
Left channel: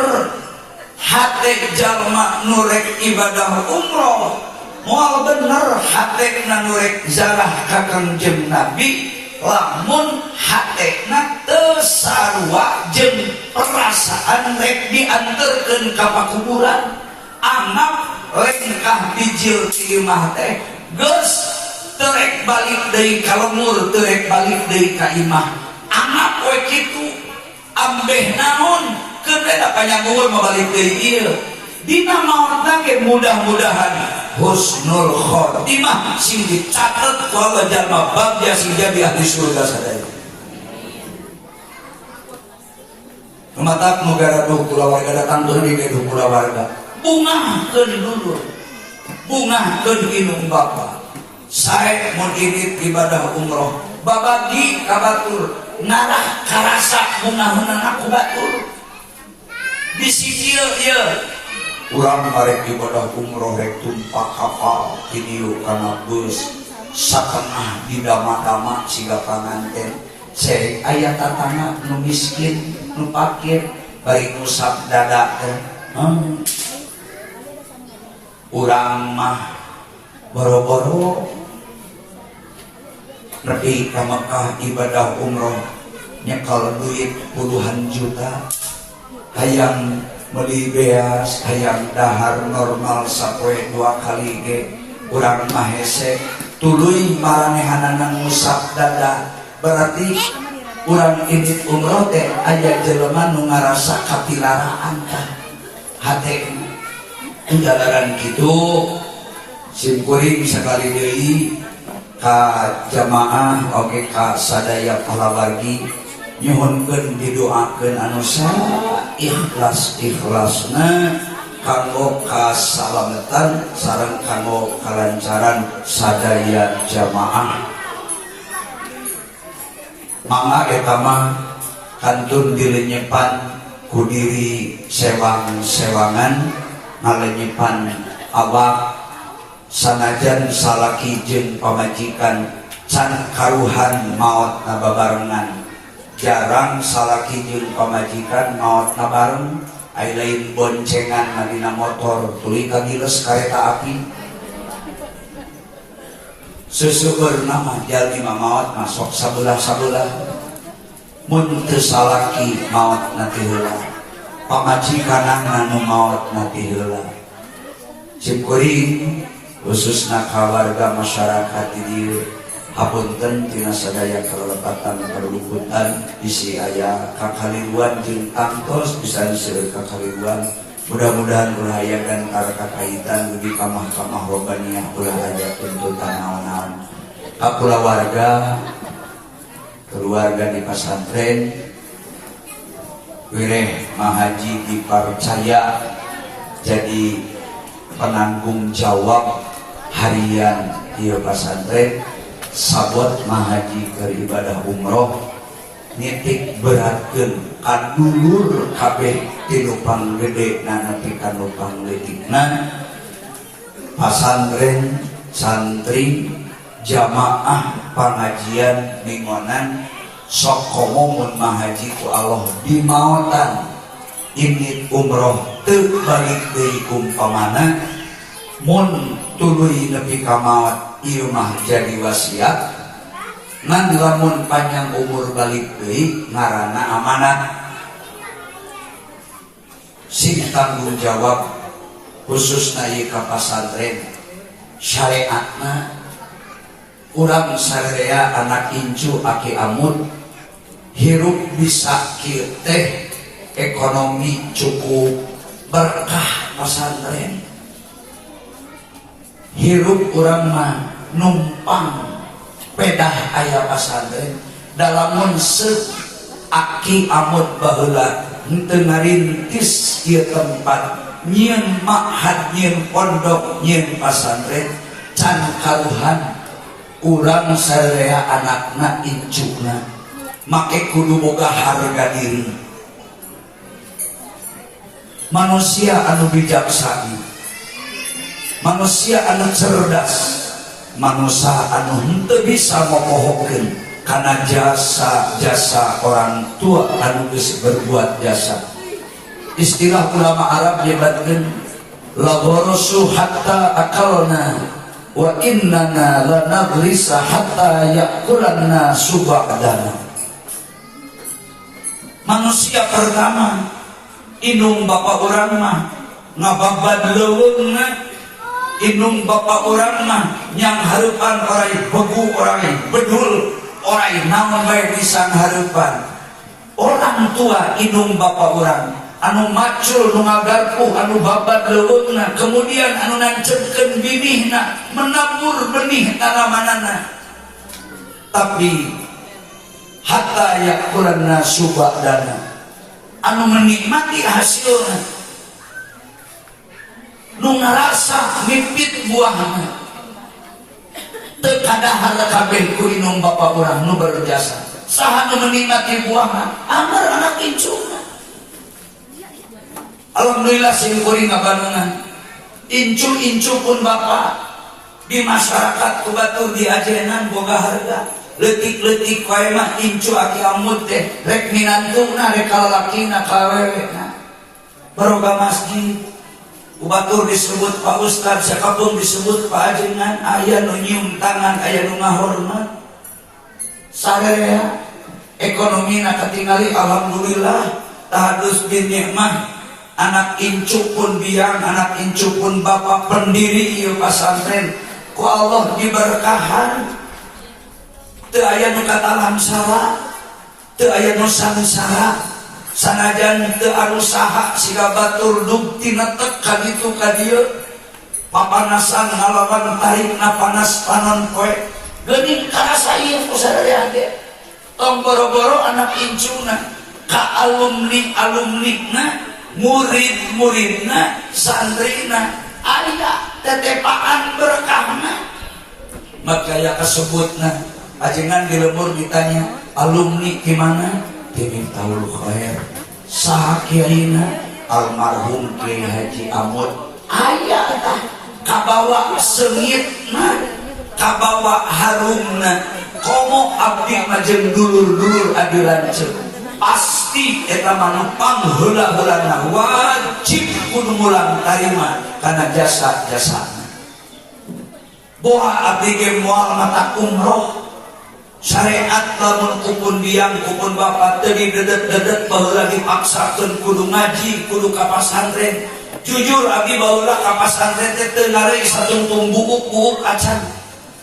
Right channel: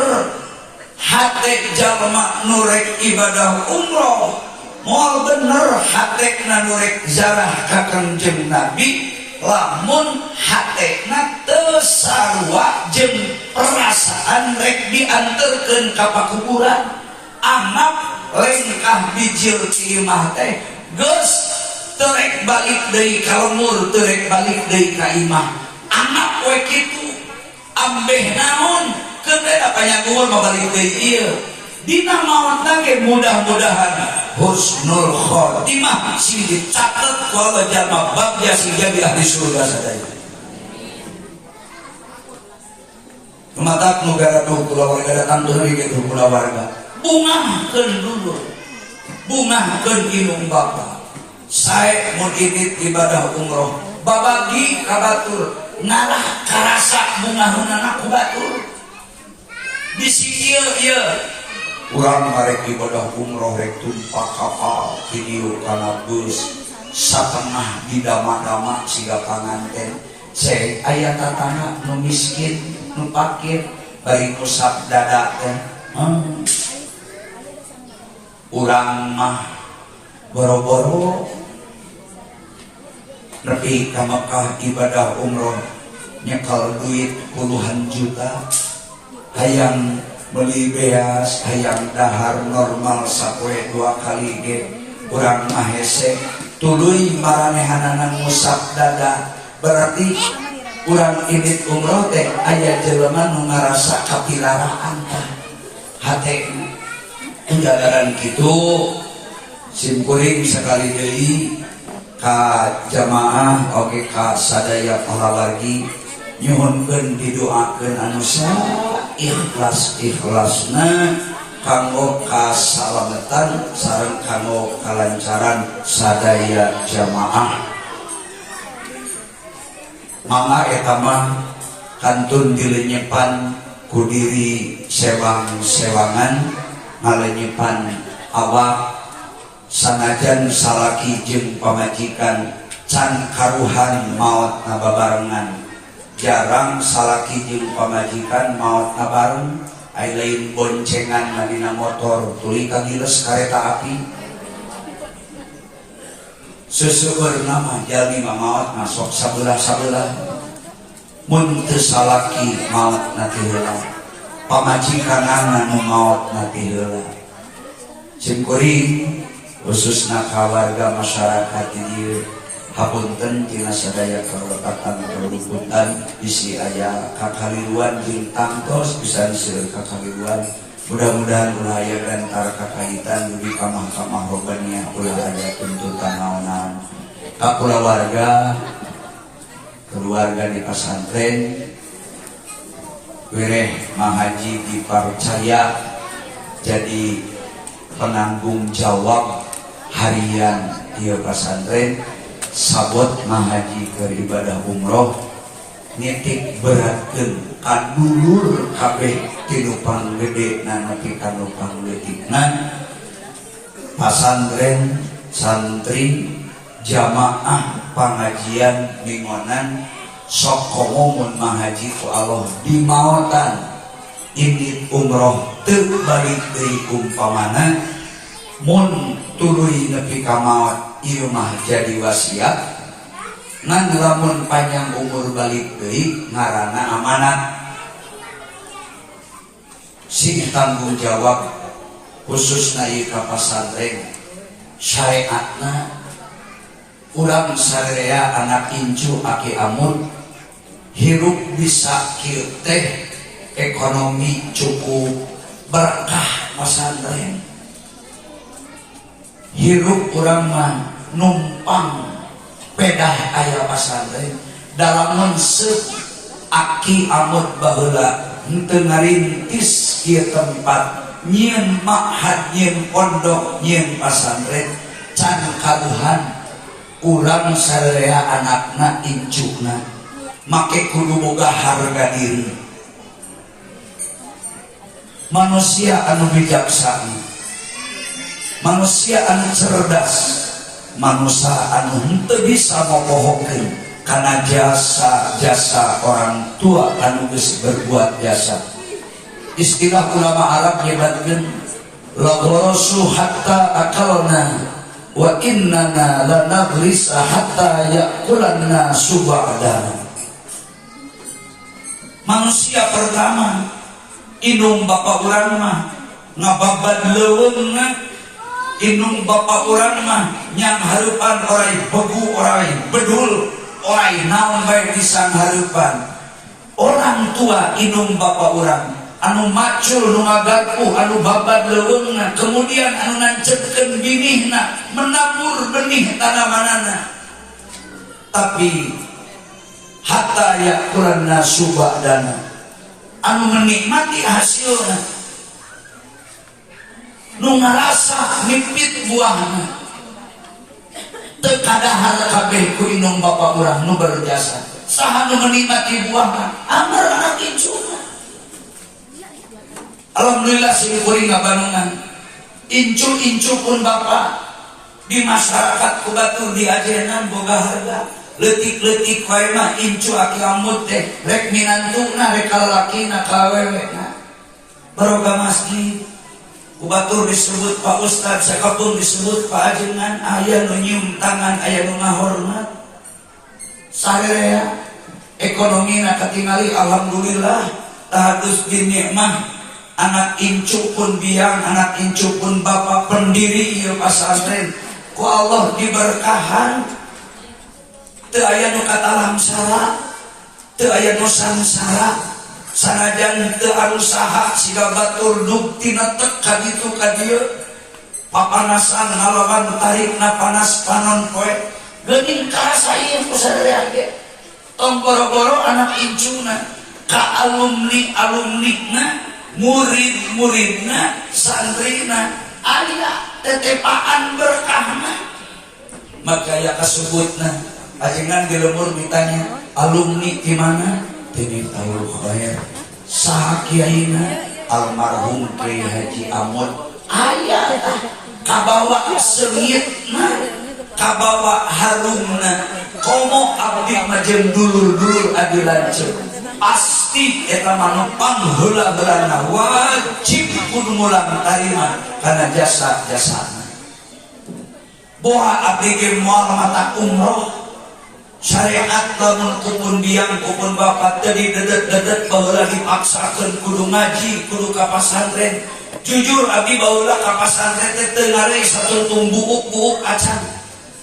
hate jalma nu rek ibadah umroh, moal bener hatena nu rek ziarah ka Kangjeng Nabi, lamun hatena teu sarua jeung perasaan rek dianterkeun ka pakuburan. Anak lengkah bijil ti imah teh geus teu rek balik deui ka lemur, teu rek balik deui ka imah. Anak we kitu ambeh naon keun panyanggul mabalik deui ieu. Dina maotna ge mudah-mudahan husnul khotimah sing dicatet ku Allah jalma bagja sing jadi ahli surga sadaya. Matak negara tuh kulawarga datang tuh di gitu kulawarga. Bungahkeun dulu, bungahkeun inung bapa. Sae mun ini ibadah umroh, babagi ka batur, ngarah karasa bungaheunana ku batur. Bisi ieu urang arek ibadah umroh rek tumpak kapal kidieu kana bus satengah didama-dama siga panganten. Cek aya tatana nu miskin nu fakir bari ngusap dada teh. Urang mah boro-boro nepi ka Mekah ibadah umroh nyekel duit puluhan juta, hayang meuli beas, hayang dahar normal sapoe 2 kali ge. Urang mah hese tuluy maranehanana ngusap dada, berarti urang indit umroh teh aya jelema nu ngarasa kapilaraan tah hate. Jalaran kitu simkuring sekali deui ka jamaah oge ka sadaya pahlawargi nyuhunkeun didoakeun anu ikhlas-ikhlasna kanggo kasalametan sareng kanggo kalancaran sadaya jamaah. Mangga eta mah kantun dilenyepan ku diri sewang-sewangan ngalenyepan awak sanajan salaki jeung pamajikan can karuhan maot na babarengan. Jarang salaki jeung pamajikan maot na bareng, ai lain boncengan na dina motor tuluy kagiles kareta api. Seuseurna mah jalmi mah maot mah sok sabelah-sabelah. Mun teu salaki maot na teh heula, pamajikanana nu maot na teh heula. Simkuring khususna kawarga masyarakat di dieu hapunten tina sadaya kalepatan kaluhutan bisi aya kakaliruan jeung tangtos bisa diseueur kakaliruan. Mudah-mudahan ulah aya antara kakaitan di kamah-kamah robaniyah ulah aya tuntutan naon-naon. Ka keluarga di pesantren wireh mahaji dipercaya jadi penanggung jawab harian di pesantren. Sabot mahaji ke ibadah umroh nitik beratkeun kadulur kabeh tinu panggede nanti kanu panggedina pesantren santri jamaah pengajian mingonan sok komo mun mahaji ku Allah di maotan ini umroh teu balik deui umpamana mun tuluy nepi ka maot ieu mah jadi wasiat ngan lamun panjang umur balik deui ngaranna amanat. Sing tanggung jawab khususna ieu ka pesantren syariatna urang sadaya anak incu aki amut hirup bisa kieu teh ekonomi cukup berkah pesantren. Hirup urang mah numpang pedah aya pesantren dalamun seuk aki amut baheula henteu ngarintis kieu tempat nyieun ma'had nyieun pondok nyieun pesantren can kaluhan urang sadaya anakna incuna make kudu boga harga diri. Manusia anu bijaksana, manusia anu cerdas, manusia anu henteu bisa ngopohokeun karena jasa orang tua anu geus berbuat jasa. Istilah ulama Arab nyebatkeun lagorosu hatta akalna wa innana lanagrisa hatta yakulanna subadana. Manusia pertama inung bapak orang mah ngababad leuweungna, inung bapak orang mah nyang hareupan orai begu orai bedul orai naon bae bisa hareupan. Orang tua inung bapak orang anu macul nu ngagarpuh anu babad leuweungna, kemudian anu nancepkeun binihna menabur benih tanamanana, tapi hatta yakulanna subadana anu menikmati hasilna, nu ngarasa mipit buahna. Teu kadahan kabeh ku inung bapak urang nu berjasa. Saha nu menikmati buahna? Amar anak incuna. Alhamdulillah sing kuring ngabanungan. Incu pun bapak di masyarakat kubatur di ajenan boga harga. Letik-letik wae mah incu aki amut teh rek minantuna rek kalalakina kawewena. Baroga masjid kubatur disebut Pak Ustad, siapapun disebut Pak Ajenan, aya nu nyium tangan, aya nu ngahormat. Sarerea ekonomina katingali alhamdulillah tahadus bin nikmah. Anak incu pun biang, anak incu pun bapak pendiri ieu pasantren. Ku Allah diberkahan. Teu aya nu katalam salah, teu aya nu samsara, sanajan teu anu saha siga batur duktina teu kaditu ka dieu. Papanasan ngalawan tarikna panas panon poe. Geuning karasa ieu ku sadaya ge. Tong boro-boro anak incuna ka alumni-alumnina, murid-muridna, santrina aya tetepaan berkahna. Maka ya kasebutna ajengan di lembur ditanya alumni di mana? Di Miftahul Khair. Saha kiaina? Almarhum Kiai Haji Amud. Aya kabawa seungitna, kabawa harumna. Komo abdi mah jeung dulur-dulur adi lanceuk. Pasti eta mah pangheula-heulana wajib kudu mulang tarima kana jasa-jasana. Boha abdi ge moal mata umroh. Syariat lamun kupun biang kupun bapak teu didedet-dedet baheula dipaksakeun kudu ngaji kudu ka pasantren. Jujur abdi baheula ka pasantren teh teu ngare satuntung buuk-buuk acan.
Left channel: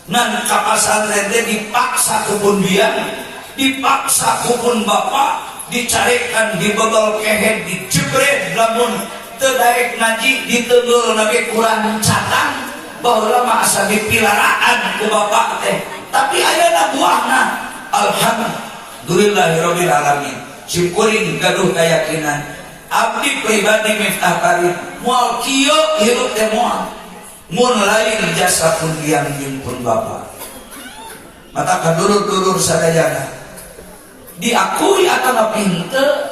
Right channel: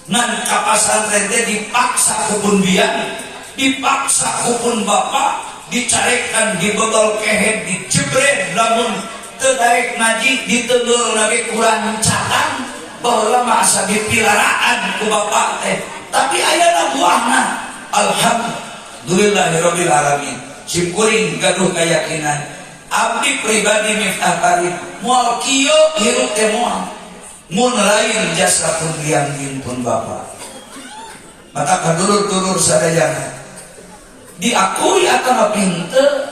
Nan ka pasantren teh dipaksa kupun biang, dipaksa kupun bapak, dicarekan dibebel kehe dijebret lamun teu daek ngaji diteunggeul nabi kurang catang baheula mah asa dipilaraan ku bapak teh. Tapi ayana buahna alhamdulillahirabbil alamin. Sim kuring gaduh kayakinan abdi pribadi Miftah Karim moal kieu hirup teh moal mun lain jasa pun biang pun bapak. Maka kadulur-dulur sadayana diakui atawa pinteu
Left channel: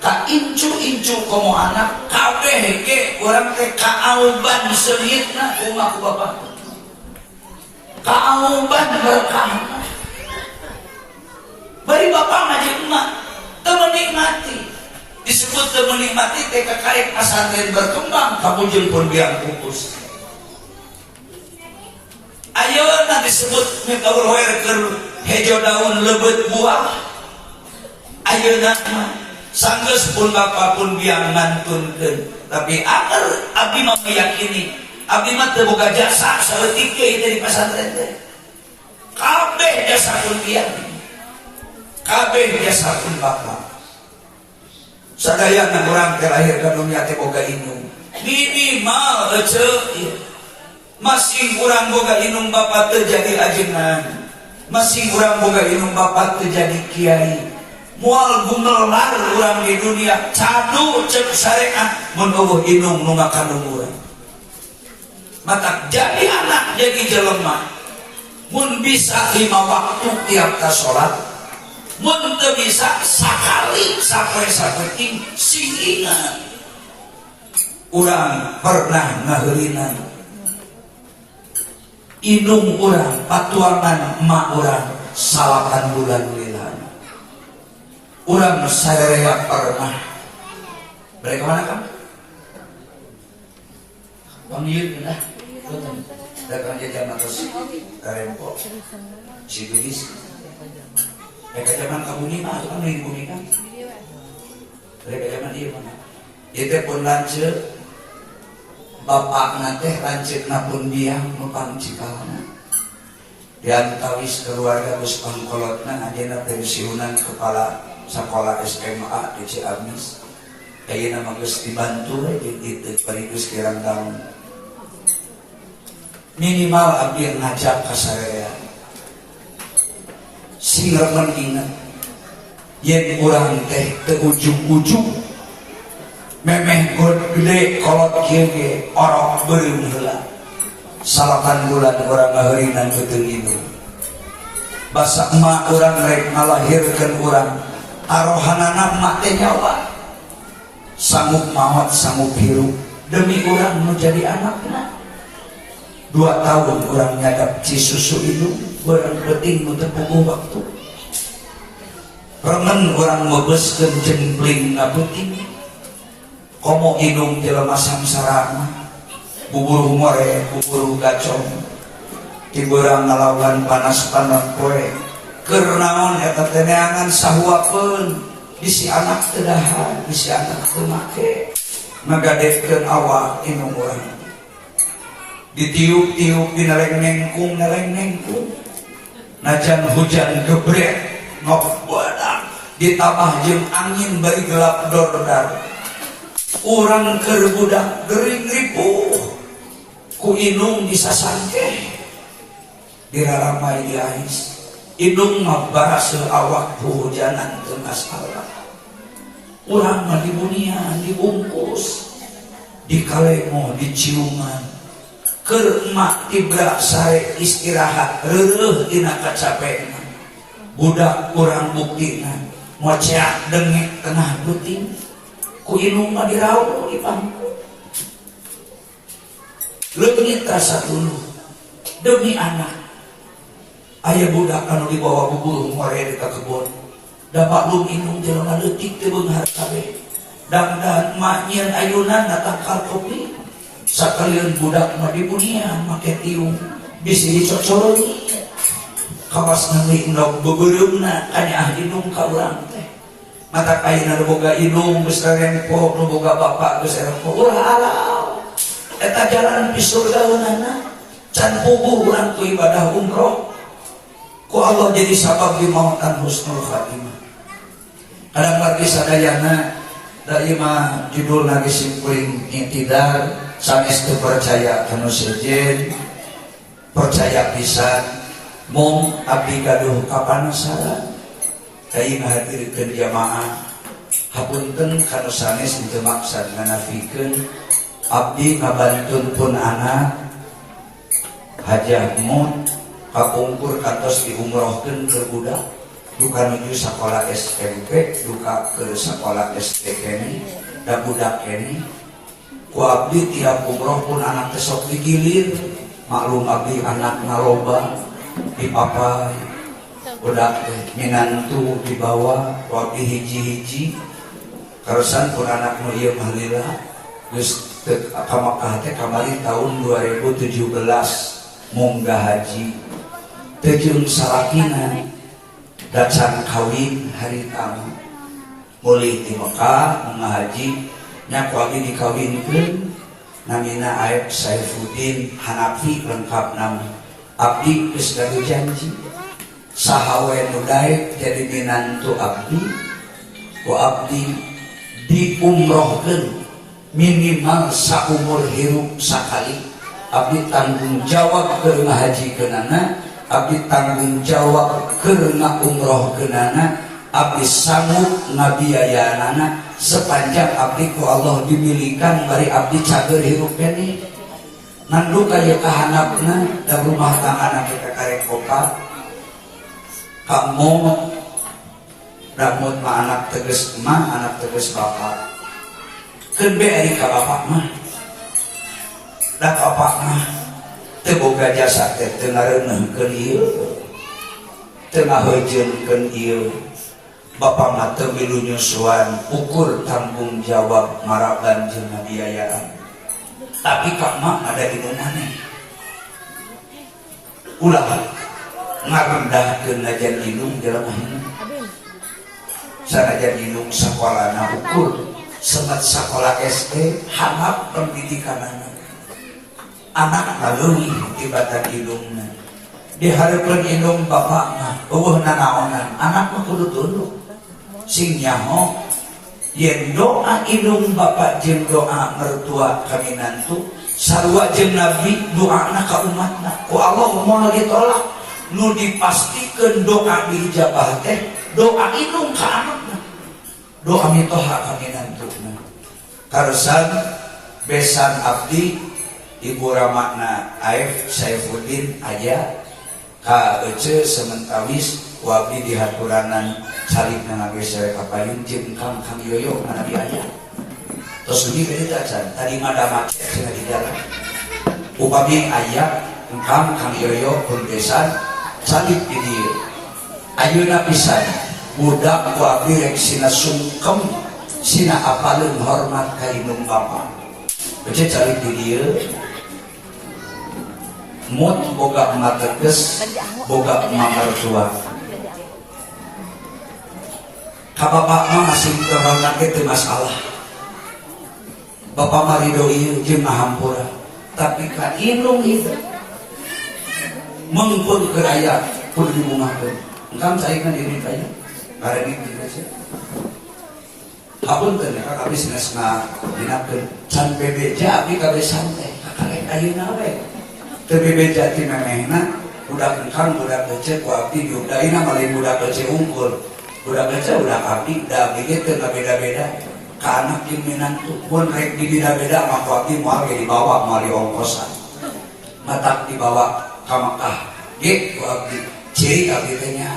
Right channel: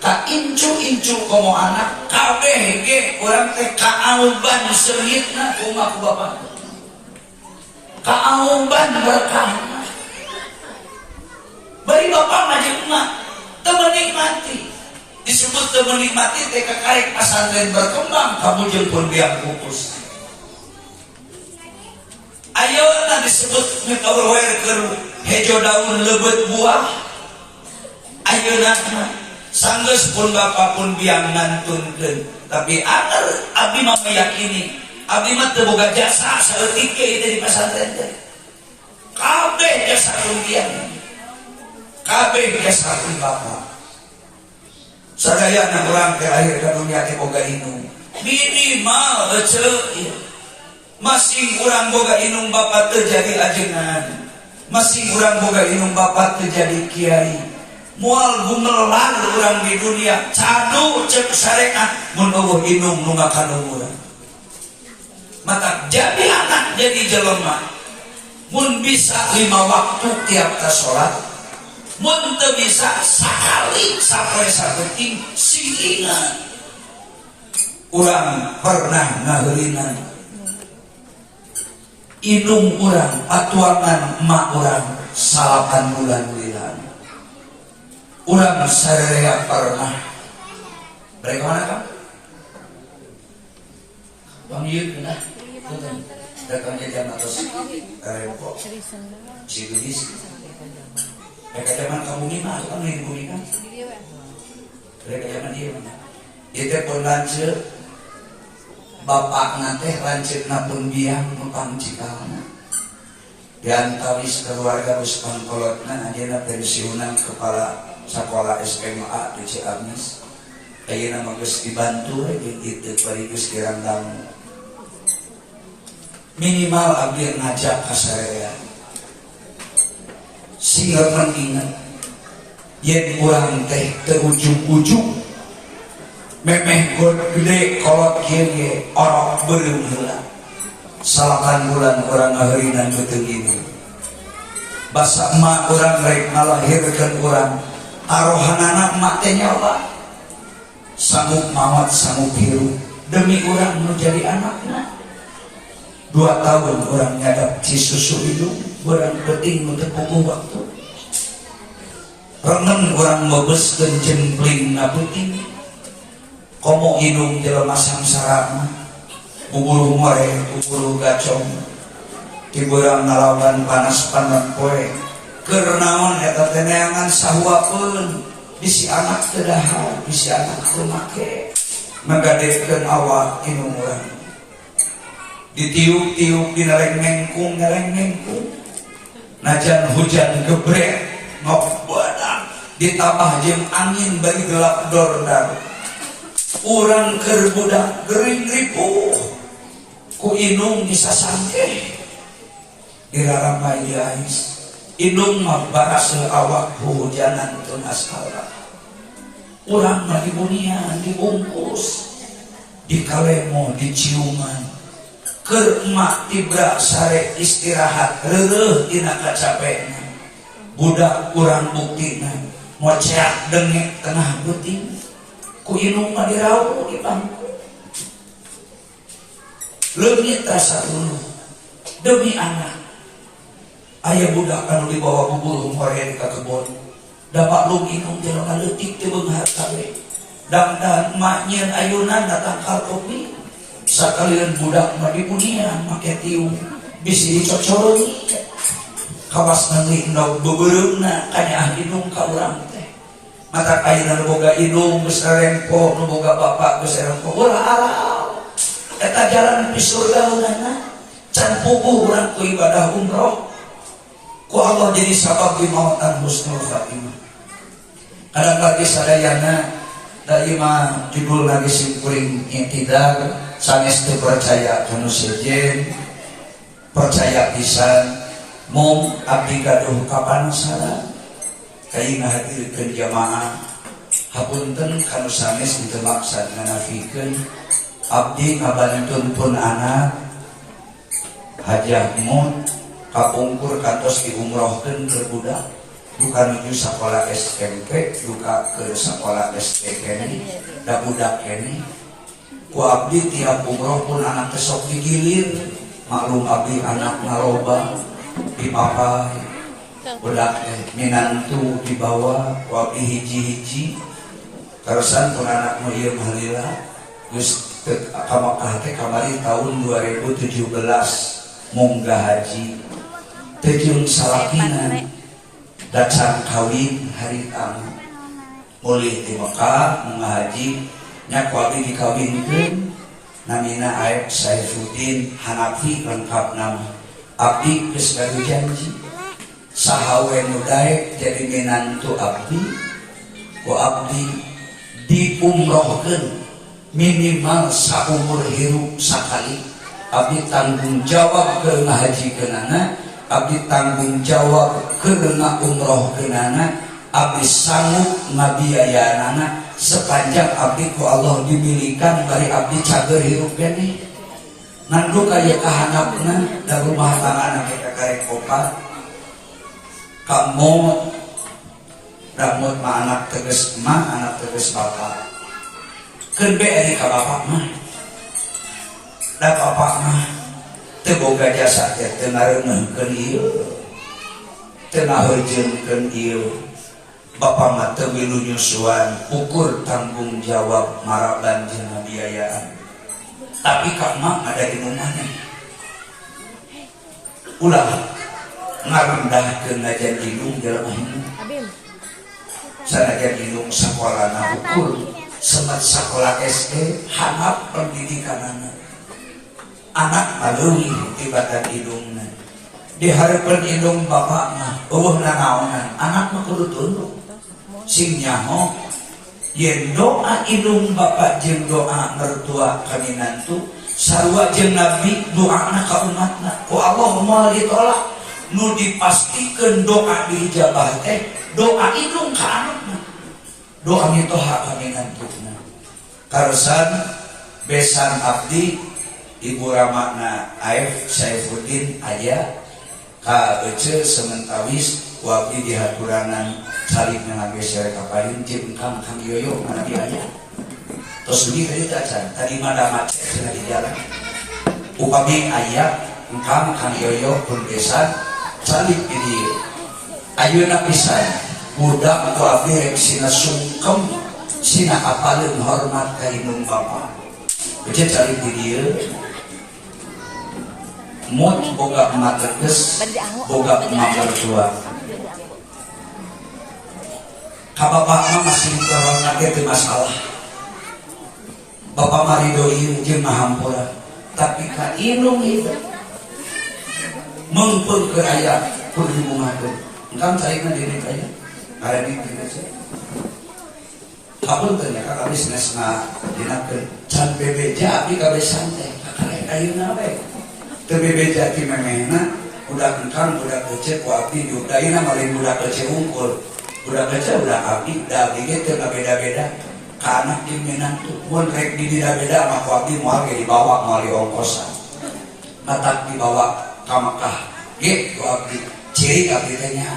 ka incu-incu komo anak kabeh ge urang teh kaauban seungitna kumaha ku bapak. Kaauban berkah. Bari bapak ngajeunna teu menikmati. Disebut teu menikmati teh kakarek pasantren berkembang kabujil pun biang pupus. Ayeuna disebut Miftahul Khair keur hejo daun lebeut buah. Ayeuna sanggeus pun bapak pun biang ngantunkeun. Tapi abdi mah meyakini abdi mah teu boga jasa saeutik ge di pasantren teh. Kabeh jasa pun biang. Kabeh jasa pun bapak. Sadayana urang teh lahir ka dunya teh boga inung. Minimal eceu masih urang boga inung bapak teu jadi ajengan. Masih urang boga inung bapak teu jadi kiai. Moal gumelar urang di dunia cadu ceuk syariat mun eueuh inung nu ngakanuhur. Maka jadi anak jadi jelema mun bisa 5 waktu tiap ka salat, mun teu bisa sakali sampai saeuting singingan. Urang pernah ngaheulina Indung urang patuangan emak urang 8 bulan wilan. Urang sarerea pernah. Mereka mana kan? Bang Yud nah. Datang jajan atas karempok. Sidulis. Mereka zaman kabuni mah, kan nih kabuni kan? Mereka zaman dia mana? Itu pun lanjut. Bapak nate lanjut napun dia mukang cikalna. Diantawis keluarga bus pangkolotna adina pensiunan kepala sekolah SMA di Ciamis. Ayeuna mah geus dibantu we kitu parigus kirang daun. Minimal abdi ngajak ka sarerea. Sehingga mengingat yen urang teh teu ujug-ujug memeh god gede kolot kieu ge orok beureum heula. 8 bulan urang ngaheurinan beuteung ibu. Basa emak urang rek ngalahirkeun urang, arohanana emak teh nyawa. Sanggup mawat sanggup hirup demi urang nu jadi anakna. 2 tahun urang nyadap cisusu hidup, urang penting nu teu puguh waktu. Remen urang mebeskeun jempling ngabuting. Komo indung jelema samsara bubur humore bubur gacong ti urang ngalawan panas tanan poe keur naon eta teh neangan sahuakeun bisi anak teu dahar bisi anak teu make ngagadeukeun awak indung urang ditiup-tiup dineleng nengkung najan hujan gebrek ngok badak ditambah jeung angin bari gelap dordar. Urang keur budak gering ripuh ku indung disasangke diraramai diais indung mah baras awak hujanan teu masalah. Urang mah dibunian dibungkus dikalemo diciuman keur emak tibra sare istirahat reureuh dina kacapean. Budak urang buktina moceak dengek tengah buting ku indung mah dirauh di bangku. Leungit rasa dulu demi anak. Aya budak anu dibawa bubur humore ka kebon. Da maklum indung jelema leutik teu beunghar kabeh. Dang-dang emak nyieun ayunan datang ka kopi. Sakalian budak mah dibunian make tiung bisi dicocorogi. Kawas nanti endog beubeuleuhna kana indung ka urang teh. Mata ayeuna boga indung geus rempo, nu boga bapak geus rempo. Ulah eta jalan di surga leunana can puguh urang ku ibadah umroh. Ku Allah jadi sabab dimautan husnul khatimah. Ada lagi sadayana da imah judul lagi simkuring intidar sanes teu percaya kana sejen percaya pisan mung abdi gaduh kapanasaran. Kain hadirkeun jamaah hapunten kanu sanes ditemaksad nganafikeun abdi ngabantuntun anak hajah mun kapungkur kantos diumrohkeun ke budak duka nuju sakola SMP duka ke sakola SD kene da budak kene ku abdi tiap umroh pun anak teh sok digilir maklum abdi anak ngaloba dipapai budak minantu dibawa waktu hiji-hiji terusan pun anak nu ieu baheula geus ka Makkah teh kamari tahun 2017 munggah haji teu jeung salakina dacan kawin hari tamu mulih ti Makkah munggah haji nya ku abdi dikawinkeun namina Aib Saifuddin Hanafi lengkap nama abdi geus gaduh janji sahawe nu daek jadi minantu abdi ku abdi diumrohkeun minimal saumur hirup sakali. Abdi tanggung jawab keur ngahajikeunana, abdi tanggung jawab keur ngaumrohkeunana, abdi sanggup ngabiayaanana sepanjang abdi ku Allah dimilikan bari abdi cager hirup kene. Nanduk aya kahanapna da rumah tangga kita karek kopat kamu damut mah anak teges emak, anak teges bapak. Keun be ari ka bapak mah. Da bapak mah boga jasa teh teu ngareuneuhkeun ieu teu ngahejeunkeun ieu Bapak mah teu milu nyusuan ukur tanggung jawab maraban jeung biayaan tapi kak mak ada inu maneh ulah ngarendahkeun ajan indung jelema sanajan indung sakolana ukur semat sekolah SD harap pendidikanana anak aleuwih tibatan indungna dihareupeun indung bapakna eueuh nanaonan anak mah kudu tunduk sing nyaho yen doa indung bapak jeung doa mertua ka minantu sarua jeung nabi doana ka umatna ku Allah moal ditolak nu dipastikeun doa dijabah teh doa indung ka anakna doa mitoha ka minantuna karusan besan abdi Ibu Ramakna Aif Saifuddin aya ka bece sementawis wabdi dihaturanan salibna ngabe sare kaparin jeung kang yoyo mana dia aya terus ini kali tadi mada macet cenah di jalan upami aya kang yoyo pun besan salib di dieu ayeuna pisan budak ku abdi rek sina sungkem sina apaleun hormat ka indung bapa bece salib di dieu mut boga emak teges boga emak mertua ka bapak mah masih terhormat itu masalah bapak marido ieu jeung mahampura tapi ka indung itu mengpun keraya kudu ngumahkeun engkam carina diri kaya karena itu saja hapunten ka kabeh sanesna dinakeun can bebeja abdi kabeh santai kakak ayeuna we bebeja ti memehna budak engkang budak kecil ku abdi diudaina malin budak kecil unggul budak kecil budak abdi da abdi ge teu beda-beda ka anak jeung minantu mun rek dibeda-beda mah ku abdi moal ge dibawa moal diongkosan matak dibawa ka Mekah ge ku abdi ciri abdi teh nya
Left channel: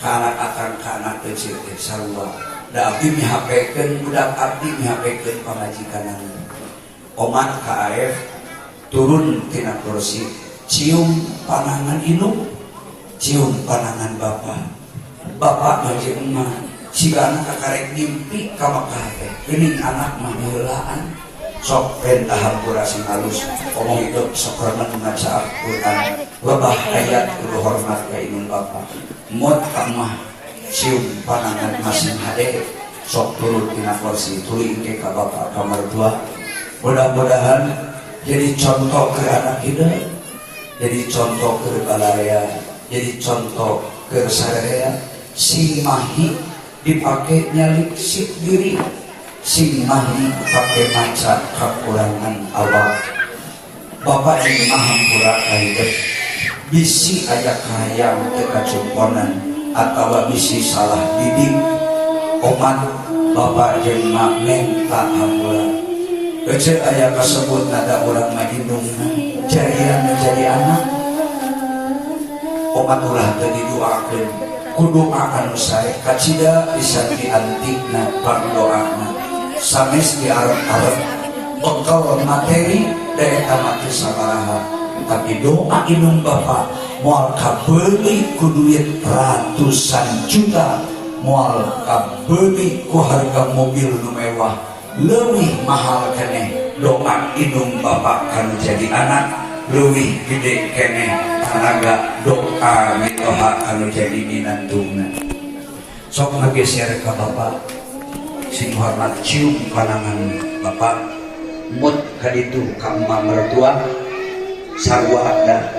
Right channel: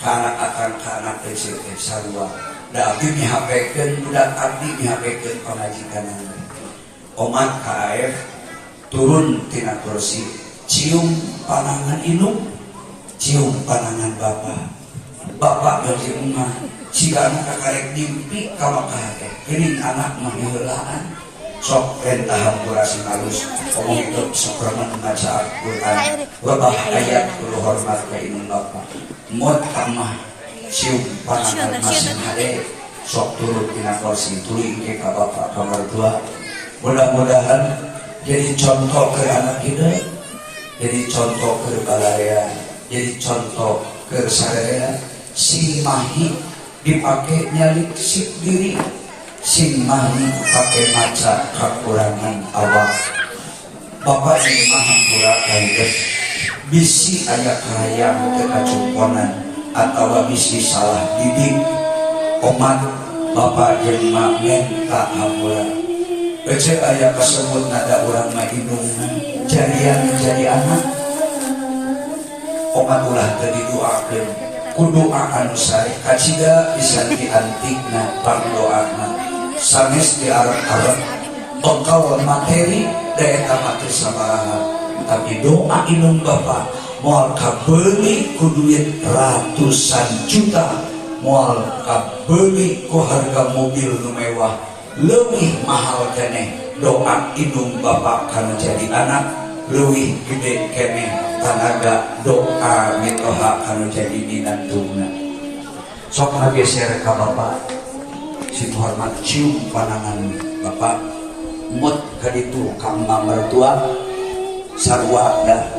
ka anak akang ka anak kecil teh sarua da abdi mihapekeun budak abdi mihapekeun pamajikanana omat ka AF turun tina kursi cium panangan indung cium panangan bapak jeung emak siga anak karek ngimpi ka Mekah teh geuning anak mah heulaan sok perintah hampura sing halus omong hidup sakurna maca Al-Qur'an lebah ayat kudu hormat ka indung bapak mut kamah cium panangan masing hade sok turun tina kursi tuluy ke ka bapak ka mertua mudah-mudahan jadi contoh ke anak kita, jadi contoh ke balaya, jadi contoh ke saraya. Sing mahi dipakai nyalik sik diri, sing mahi pakai maca kekurangan awak. Bapak ini mahampura kaya bisi ada kahayang kekacumponan atau bisi salah didik omat bapak jeung mak neng tak hampura. Ece ayah tersebut nada orang ngahidungna jadian menjadi anak omat ulah tadi doakeun kudu anu sare kacida bisa diantikna pandoana sanes diarep-arep bekal materi daya kamati sabaraha tapi doa indung bapak moal kabeuli ku duit ratusan juta moal kabeuli ku harga mobil nu mewah leuwih mahal keneh doa indung bapak kanu jadi anak leuwih gede keneh tanaga doa mitoha kanu jadi dinantungna sok ngageser ka bapak sing hormat cium panangan bapak mut ka ditu ka mertua sarua da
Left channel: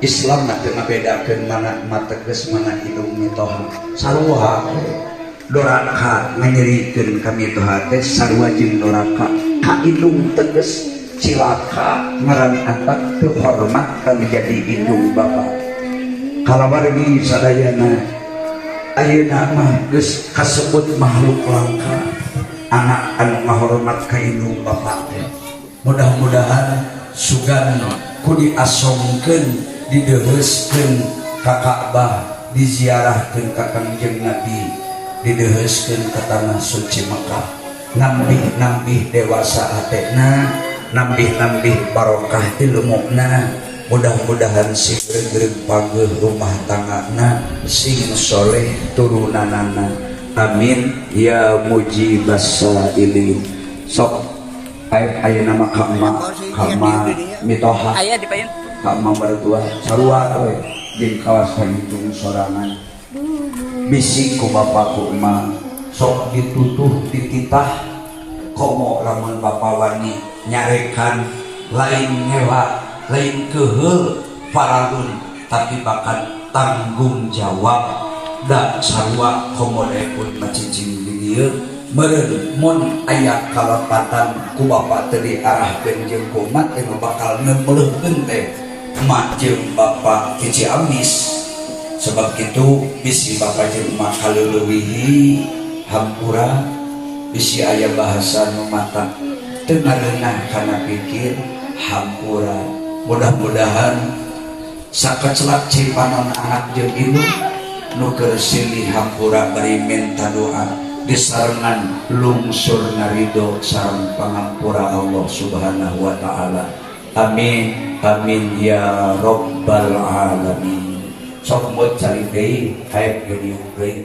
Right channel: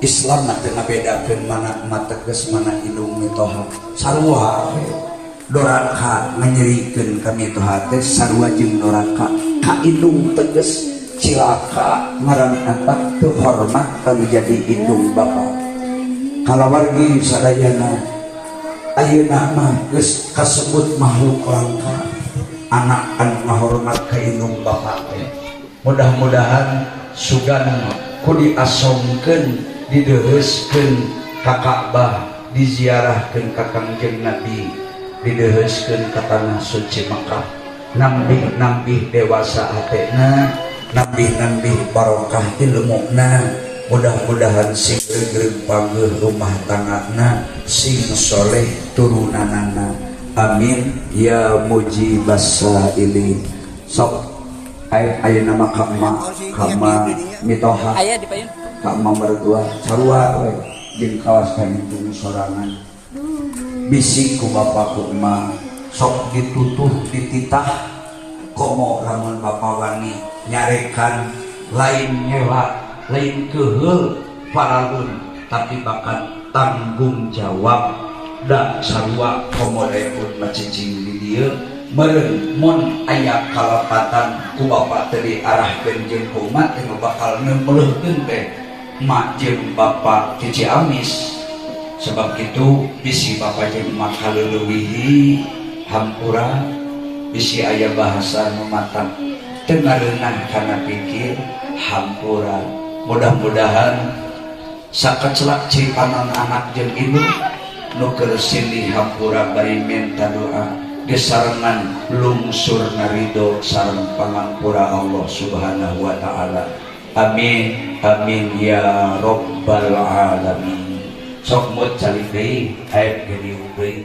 Islam mah teu ngabedakeun mana emak teges mana indung mitoha sarua doraka menyerikeun kami itu hati sarua jeung doraka ka indung teges cilaka ngaran apa teu hormat kami jadi indung bapak kalawargi sadayana ayeuna mah geus kasebut makhluk langka anak anu ngahormat ka indung bapak teh mudah-mudahan sugan ku diasongkeun dideheuskeun ka Ka'bah diziarahkeun ka Kangjeng Nabi dideheuskeun ka tanah suci Mekah nambih-nambih dewasa hatena nambih-nambih barokah ilmuna, mudah-mudahan sing greg pageuh rumah tanggana, sing soleh turunanana, amin ya mujibas sailin. Sok aya nama kama mitoha aya dipayun kama mertua sarua we di kawasan itu sorangan bisi ku bapak ku emak sok ditutuh dititah komo lamun bapak wani nyarekan lain nyewa lain keheul paralun tapi bahkan tanggung jawab da sarua komo repun macicing di dieu meureun mun aya kalapatan ku bapak teu diarahkeun jeung kumat teh bakal neumeuleuhkeun teh emak jeung bapak ti Ciamis. Sebab itu bisi bapak jeung emak kaleulewihi hampura bisi aya bahasa nu mata teu ngareunah kana pikir hampura. Mudah-mudahan sakecelak cipanon anak jeung induk nu keur silih hampura bari minta doa disarengan lungsur narido sareng pangampura Allah Subhanahu wa taala. Amin amin ya rabbal alamin. Sok mot cari deui hayang jadi deui.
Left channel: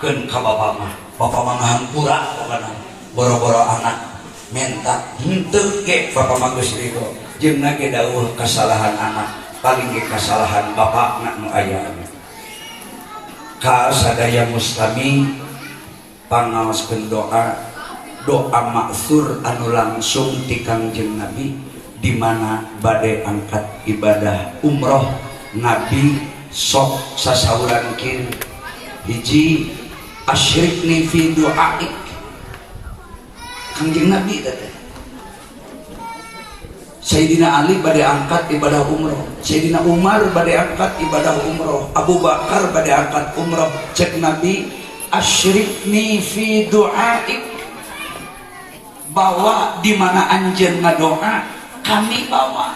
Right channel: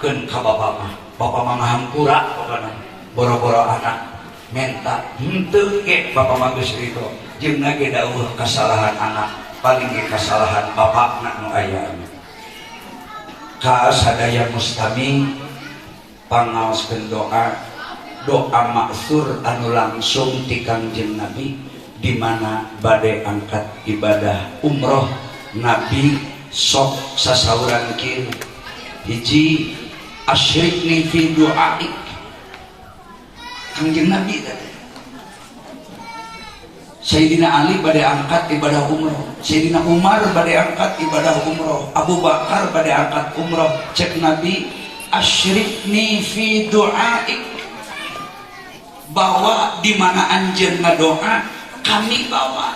Keun ka bapak mah ngahampura pokona boro-boro anak minta henteu ke bapak mah geus ridho. Jeung lagi dawuh kesalahan anak paling ge kesalahan bapakna nu aya. Ka sadaya mustami pangaoskeun doa maksur anu langsung ti Kangjeng Nabi di mana bade angkat ibadah umroh Nabi sok sasauran kieu hiji asyrikni fi du'aik. Kangjeng Nabi tadi Sayyidina Ali bade angkat ibadah umroh, Sayyidina Umar bade angkat ibadah umroh, Abu Bakar bade angkat umroh. Cek Nabi asyrikni fi du'aik, bawa di mana anjeun ngadoa kami bawa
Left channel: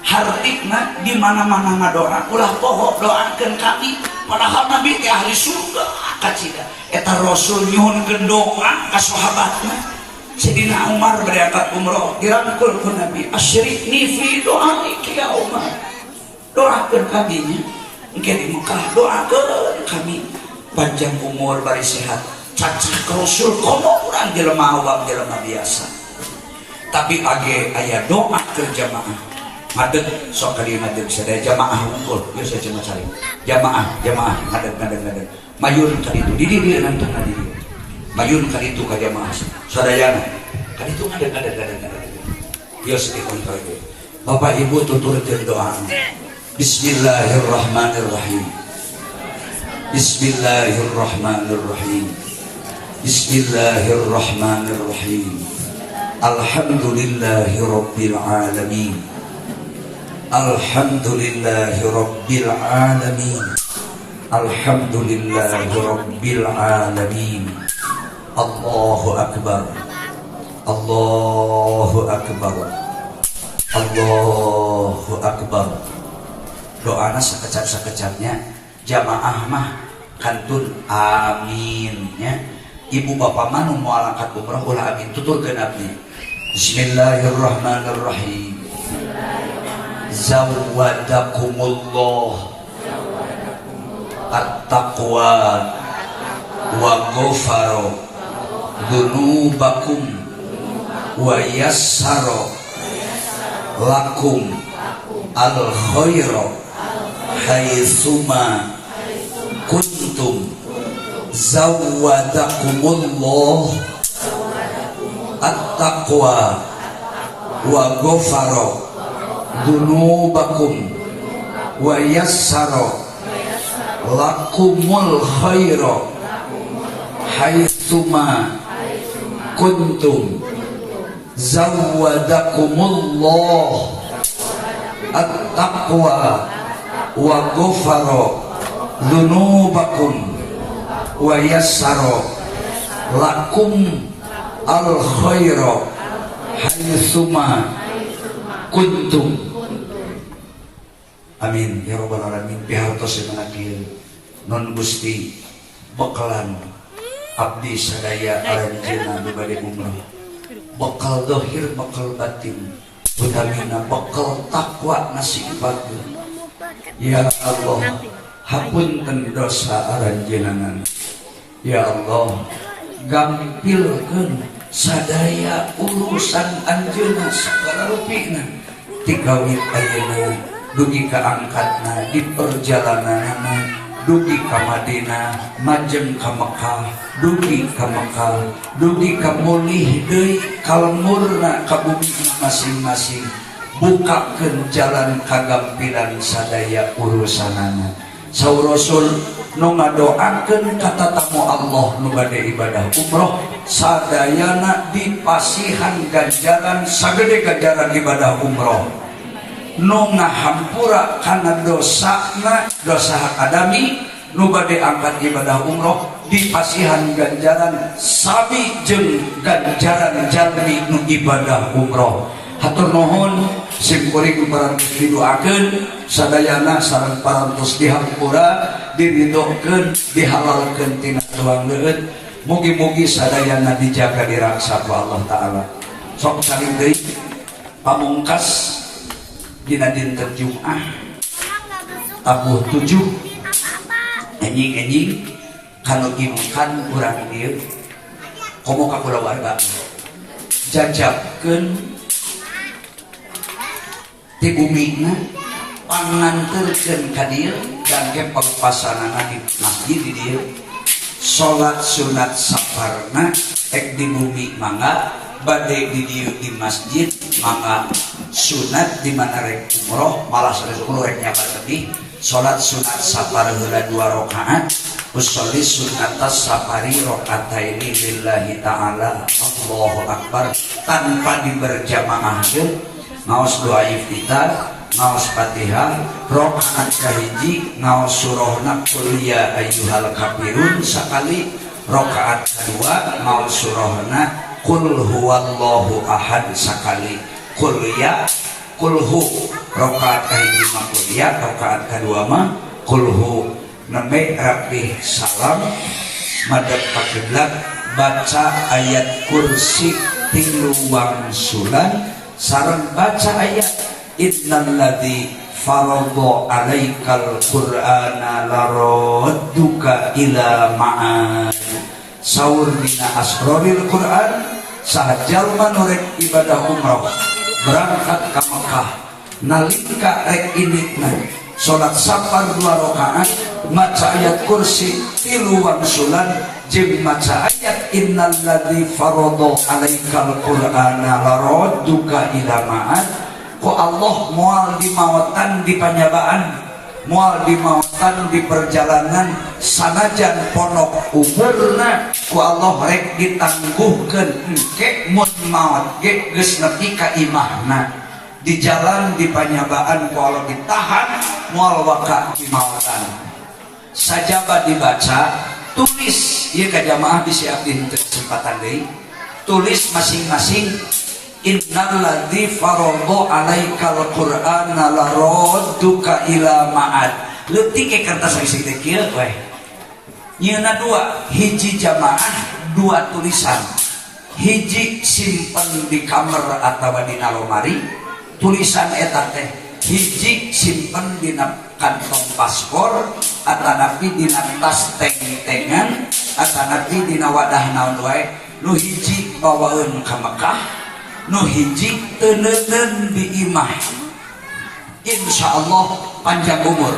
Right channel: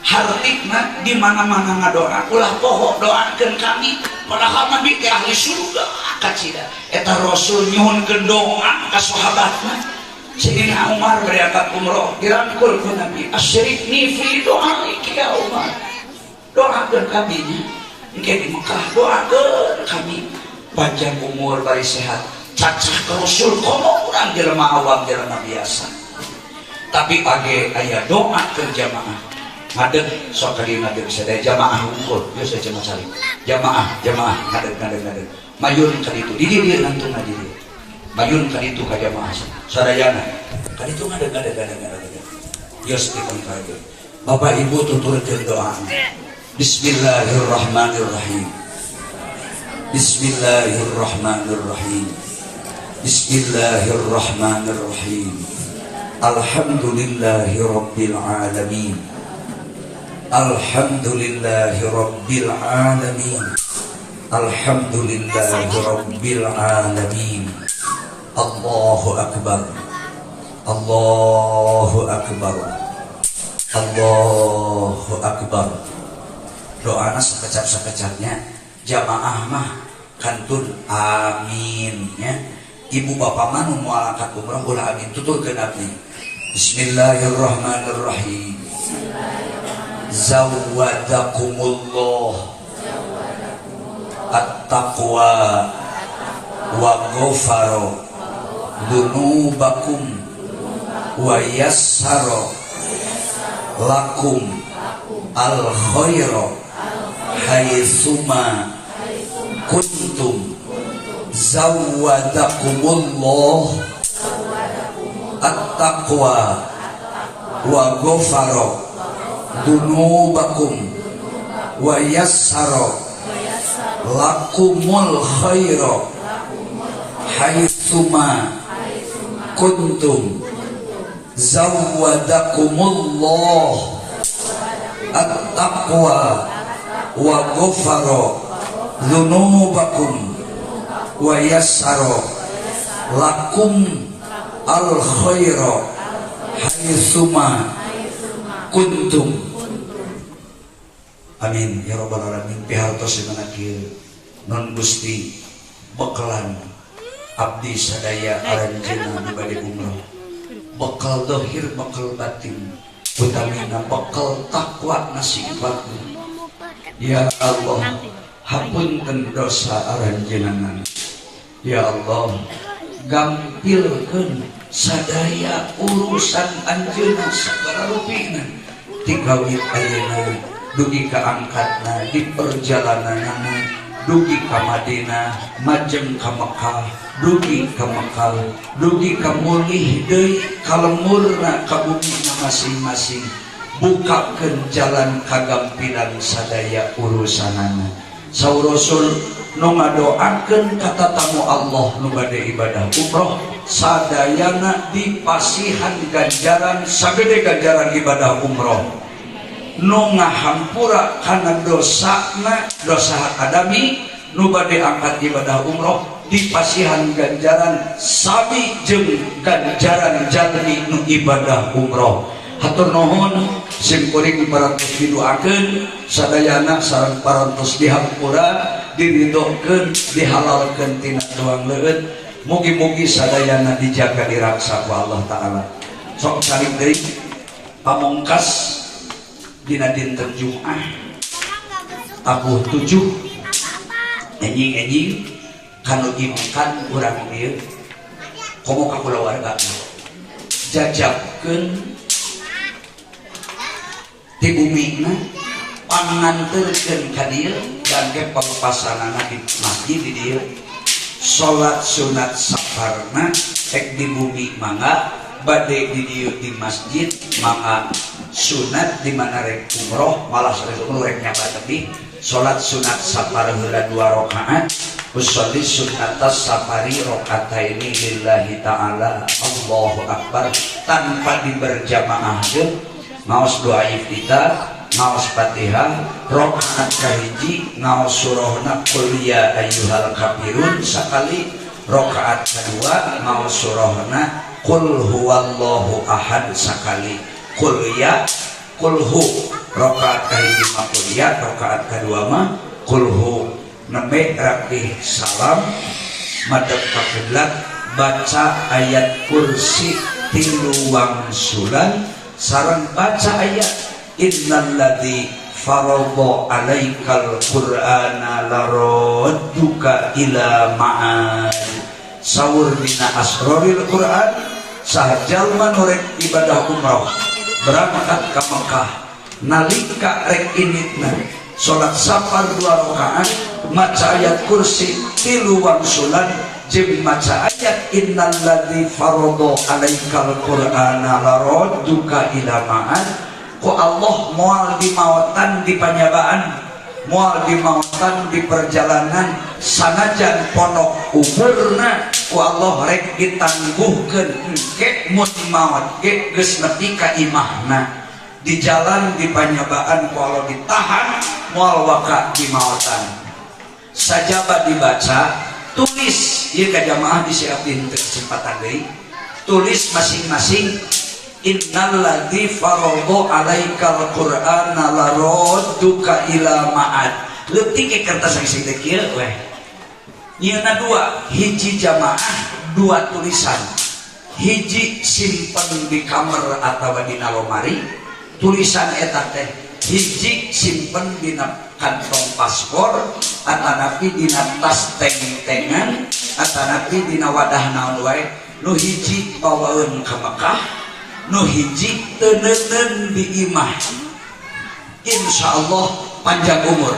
hartikna di mana-mana ngadoa ulah poho doakeun kami padahal Nabi teh ahli surga kacida eta Rasul nyuhunkeun doa ka sahabatna. Sayyidina Umar berangkat umroh dirangkul ku Nabi asyrikni fi du'aik ya Umar, doakeun kami nya engke di Mekah doakeun kami panjang umur bari sehat cacah ke Rasul komo urang jelema awam jelema biasa tapi age aya doa ke jamaah ngadeg sok kali ngadeg sadaya jamaah unggul biasa cenah cari jamaah ngadeg mayun ka ditu di dieu ngantung na dieu mayun ka ditu ka jamaah sadayana ka ditu ngadeg bios dikontrol Bapak Ibu tuturkeun doa Bismillahirrahmanirrahim Bismillahirrahmanirrahim Bismillahirrahmanirrahim Alhamdulillahi rabbil alamin Alhamdulillahi rabbil alamin Alhamdulillahi rabbil alamin. Allahu akbar Allahu akbar Allahu akbar. Doana sakecap-sakecapnya jamaah mah kantun amin nya. Ibu bapak mah nu moal angkat umrah ulah amin tuturkeun abdi. Bismillahirrahmanirrahim. Zawwadakumullah at-taqwa wa ghafara dunubakum wa yassara lakum al-khaira haitsuma kuntum. Zawwadakumullah at-taqwa wa ghafara dunubakum wa yassara lakumul khaira haitsuma kuntum. Zawwadakumullah at-taqwa wa ghafara dunubakum wa yassara lakum al-khaira haitsuma kuntum. Amin ya rabbal alamin. Pihartos ngagil non Gusti bekalan abdi sadaya aranjeunna di bade umrah bekal dohir bekal batin utamina bekal takwa nasibatu. Ya Allah hapunten dosa aran jenengan. Ya Allah gampilkeun sadaya urusan anjeunna sagala rupina tigawit ayeuna dugi ka angkatna di perjalananna dugi ka Madinah majem ka Mekah dugi ka Mekah dugi ka mulih deui kalemurna ka bumi masing-masing bukakeun jalan kagampilan sadaya urusanana. Saur Rasul nu ngadoakeun ka tatamu Allah nu bade ibadah umroh sadayana dipasihan ganjaran sagede ganjaran ibadah umroh nu ngahampura kana dosana dosa akadami nu bade angkat ibadah umroh dipasihan ganjaran sami jeung ganjaran jalmi nu ibadah umroh. Hatur nuhun sing kuring parantos didoakeun sadayana sareng parantos dihampura diridhokeun dihalalkeun tina doang leueut mugi-mugi sadayana dijaga diraksa ku Allah taala. Sok saling deui pamungkas dina dinten Jumat tabuh 7 enjing-enjing kanu imukan urang dieu komo ka kulawarga jajabkeun di bumina panganturkeun ka dieu jangke pelepasanana di masjid di dieu salat sunat safarna ek di bumi mangga bade di dieu di masjid mangga sunat di mana rek umroh malah sepuluh rek nyabat lebih salat sunat safar heula 2 rakaat usolli sunatas safari rakaataini lillahi ta'ala Allahu akbar tanpa diberjamaah ngaos doa iftitah ngaos Fatihah rakaat kahiji ngaos surahna qul ya ayyuhal kafirun sakali rakaat kedua ngaos surahna qul huwallahu ahad sakali qul ya qul hu rakaat kahiji mah qul ya rakaat kedua mah qul hu nembe rapih salam madhep ka kiblat baca ayat kursi 3 wangsulan sareng baca ayat innalladzi faradha 'alaikal qur'ana laradduka ila ma'ad saur dina asroril Qur'an sahajalma nu rek ibadah umrah berangkat ka Mekah nalika rek initna salat safar 2 rakaat maca ayat kursi 3 wangsulan jeung maca ayat innalladzi faradha 'alaikal qur'ana laradduka ila ma'ad ku Allah moal di maotan di panyabaan moal di maotan di perjalanan sanajan ponok umurna ku Allah rek ditangguhkeun engke mun maot ge geus nepi ka imahna di jalan di panyabaan ku Allah ditahan moal waka di maotan sajaba dibaca tulis ieu ka jamaah disiapkeun kesempatan deui tulis masing-masing innalladzi faradha 'alaikal qur'ana laradduka ila ma'ad leutik ke kertas sing teh kieu weh nyieuna 2 hiji jamaah 2 tulisan hiji simpen di kamar atawa dina lomari tulisan eta teh hiji simpen dina kantong paspor atanapi dina tas teng-tengan atanapi dina wadah naon wae nu hiji bawaeun ka Mekah nu hiji teuneun di imah insyaallah panjang umur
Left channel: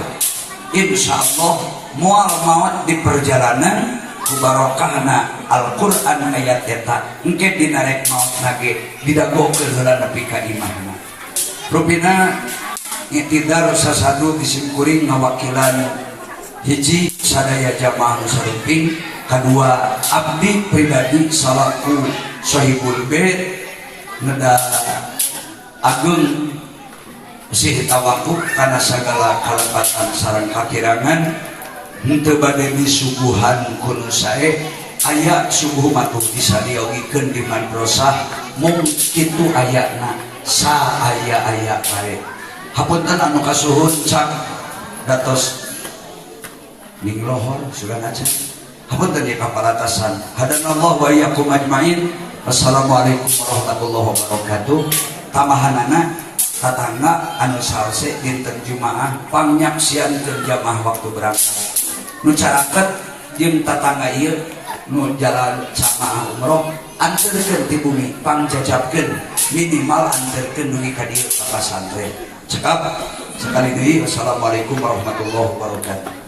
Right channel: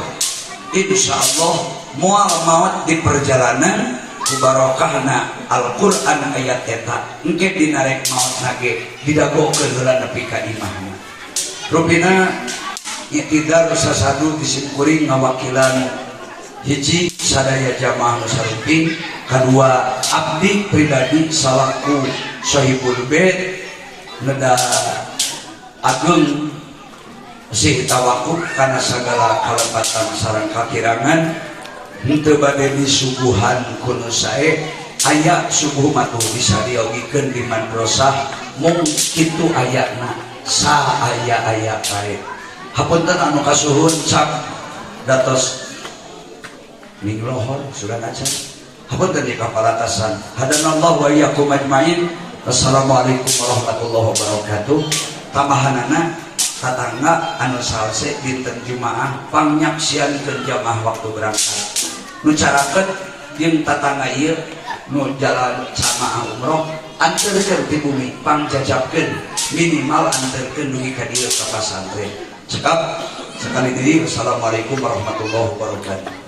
insyaallah moal maot di perjalanan ku barokahna Al-Qur'an ayat eta engke dina rek maot nage didagokeun heula nepi ka imahna rupina itidar sasadu disimkuring ngawakilan hiji sadaya jamaah musafir kedua abdi pribadi salaku sahibul bait neda agung sih tawakuf karena segala kalebatan sareng kakirangan henteu bade disuguhan kuno sae aya subuh matuh bisa diogikeun di madrasah mung kitu ayatna sa aya bae hapunten anu kasuhun cak datos ning lohor sudah ngaca Hapunten di kaparatasan. Hadanallahu wa iyyakum ajmain. Wassalamualaikum warahmatullahi wabarakatuh. Tamahanana tatangna anu salse dinten Jumaah pangnyaksiankeun jamaah waktu berangkat. Nu caraket din tatangga ieu nu jalan jamaah umroh anterkeun ti bumi pangjajabkeun minimal anterkeun dugi ka dieu ka pasantren. Cekap sekali deui. Wassalamualaikum warahmatullahi wabarakatuh.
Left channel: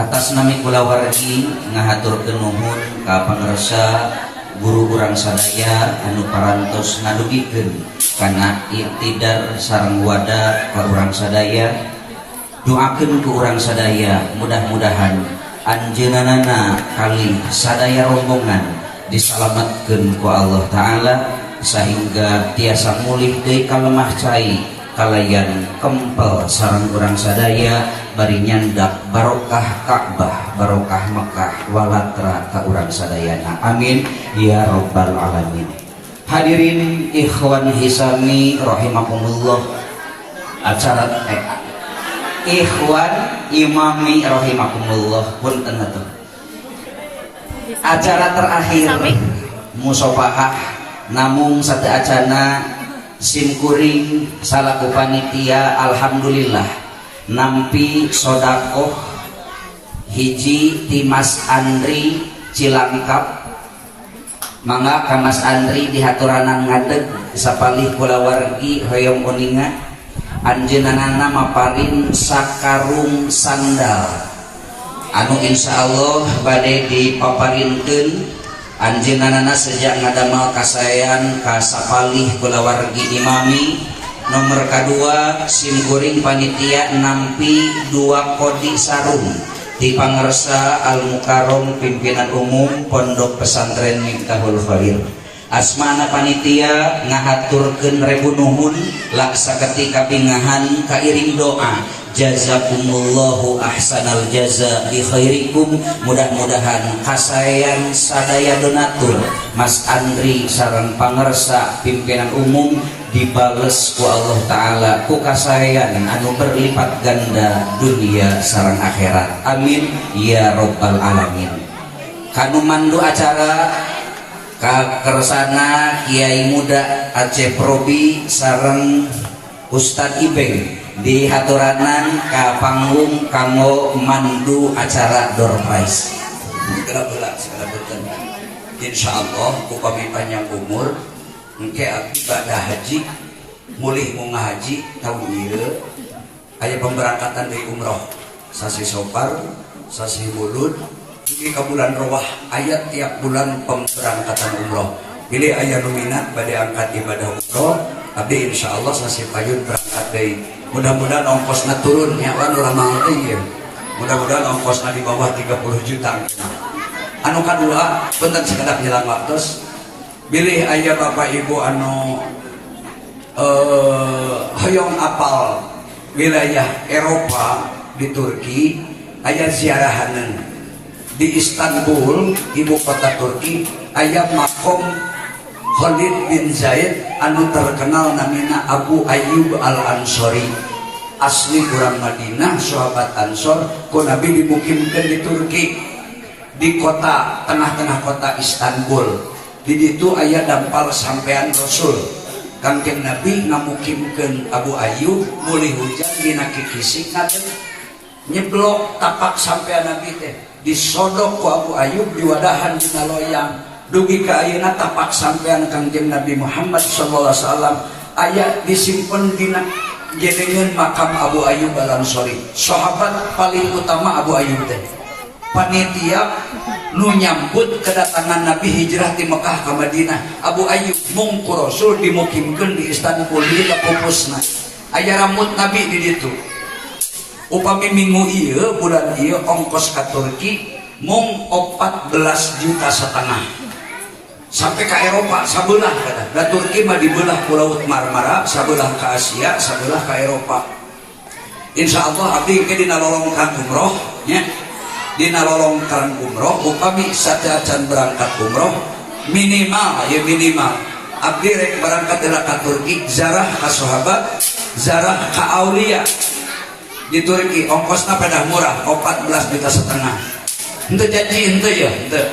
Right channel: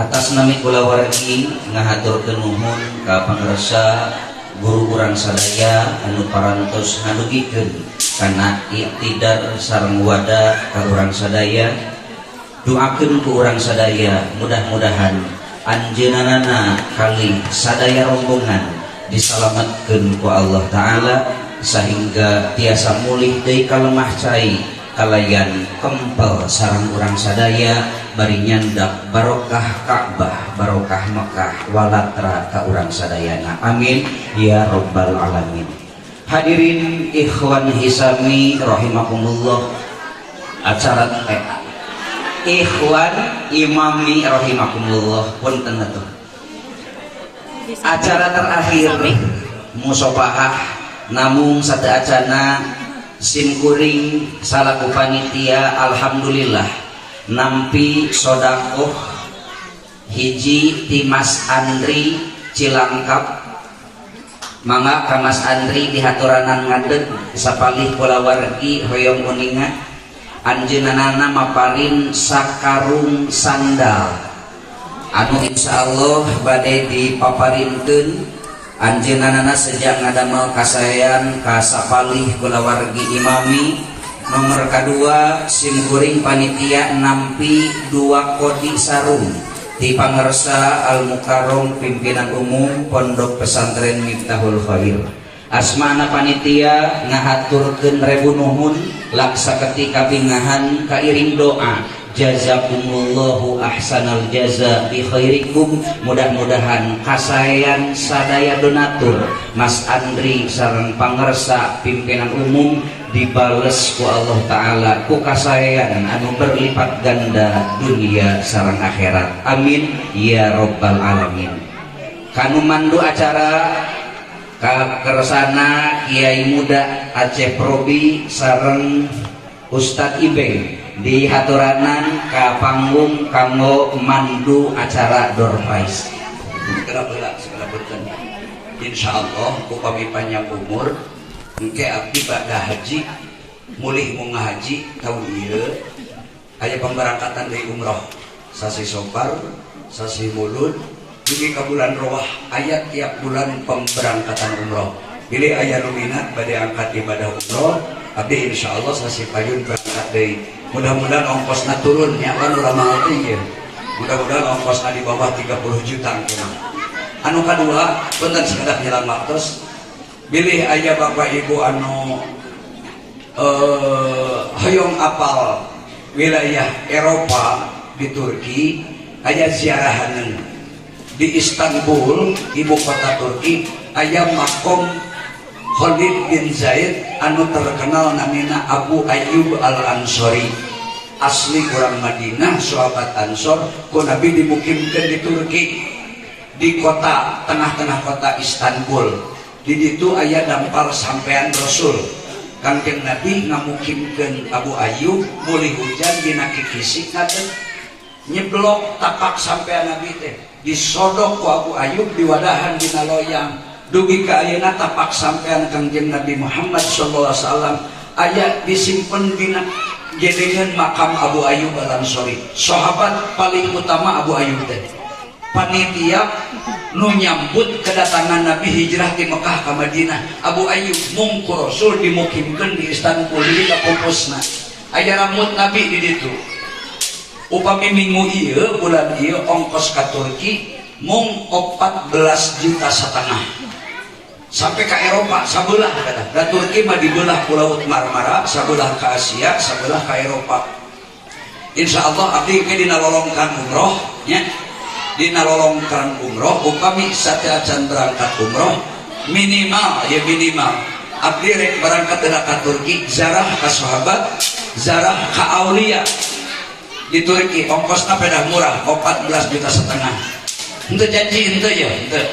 Atas nami kula wargi ngahaturkeun nuhun ka pangarsa guru urang sadaya anu parantos ngadugikeun kana iktidar sareng wadah ka urang sadaya. Doakeun ku urang sadaya mudah-mudahan anjeunana kali sadaya rombongan disalametkeun ku Allah Ta'ala sehingga tiasa mulih deui kalemah cai kalayan kempel sareng urang sadaya bari nyandak barokah Ka'bah, barokah Mekah, walatra ka urang sadayana. Amin ya rabbal alamin. Hadirin ikhwan hisami rahimakumullah. Acara ikhwan imami rahimakumullah punten atuh. Acara terakhir musofahah namung sateacana simkuring salaku panitia alhamdulillah nampi sodakoh hiji ti Mas Andri Cilangkap. Mangga ka Mas Andri dihaturanan ngadeg sapalih kula wargi hoyong uningan anjeunana maparin sakarung sandal anu insyaallah bade dipaparinkeun anjeunana sejak ngadamel kasayan ka sapalih kula wargi imami. Nomor kedua simkuring panitia nampi 2 kodi sarung di pangersa Al Mukarrom pimpinan umum Pondok Pesantren Miftahul Khair. Asmana panitia ngahaturkeun rebu nuhun laksa ketika pingahan kairing doa jazakumullahu ahsanal jaza bi khairikum. Mudah-mudahan kasayan sadaya donatur Mas Andri sareng pangersa pimpinan umum dibales ku Allah Ta'ala ku kasayan anu berlipat ganda dunia sareng akhirat. Amin ya rabbal alamin. Kanu mandu acara ka kersana Kiai Muda Aceh Probi sareng Ustadz Ibeng di haturanan ka panggung kanggo mandu acara door prize. Segala betul. Insyaallah ku kami panjang umur engke abdi bada haji mulih mau ngahaji tahun ieu aya pemberangkatan dari umroh sasi Sopar sasi Mulud dugi ka bulan Rawah aya tiap bulan pemberangkatan umroh. Pilih aya nu minat bade angkat ibadah umroh abdi insyaallah sasi payun berangkat deui. Mudah-mudahan ongkosna turun nya kan urang mah teh ieu. Mudah-mudahan ongkosna di bawah 30 juta. Anu kadua punten sekedap nyelang waktos bilih aya bapak ibu anu hoyong apal wilayah Eropa di Turki aya ziarahaneun di Istanbul ibu kota Turki aya makom Khalid bin Zaid anu terkenal namina Abu Ayyub Al-Ansori asli orang Madinah sahabat Ansor ku Nabi dimukimkeun di Turki di kota tengah-tengah kota Istanbul. Di ditu aya dampal sampean Rasul Kangjeng Nabi ngamukimkeun Abu Ayyub mulih hujan dina kikisik ngaten nyeblok tapak sampean Nabi teh disodok ku Abu Ayyub diwadahan dina loyang dugi ka ayeuna tapak sampean Kangjeng Nabi Muhammad sallallahu alaihi wasallam aya disimpen dina gedengeun makam Abu Ayyub Al-Ansori sahabat paling utama Abu Ayyub teh. Panitia nu nyambut kedatangan Nabi hijrah di Mekah ke Madinah Abu Ayyub mungku Rasul dimukimkeun di Istanbul di pupusna aya rambut Nabi di ditu upami minggu ieu bulan ieu ongkos ka Turki mung 14,5 juta sampai ke Eropa sabelah kata da Turki mah dibelah ku Laut Marmara sabelah ke Asia sabelah ke Eropa. Insyaallah abdi ke dina lolongkan umroh nya dina lolongkan umroh upami sateacan berangkat umroh minimal ya minimal abdi rek berangkat ka Turki zarah ka sahabat zarah ka aulia di Turki ongkosna pedah murah 14,5 juta henteu janji henteu ya henteu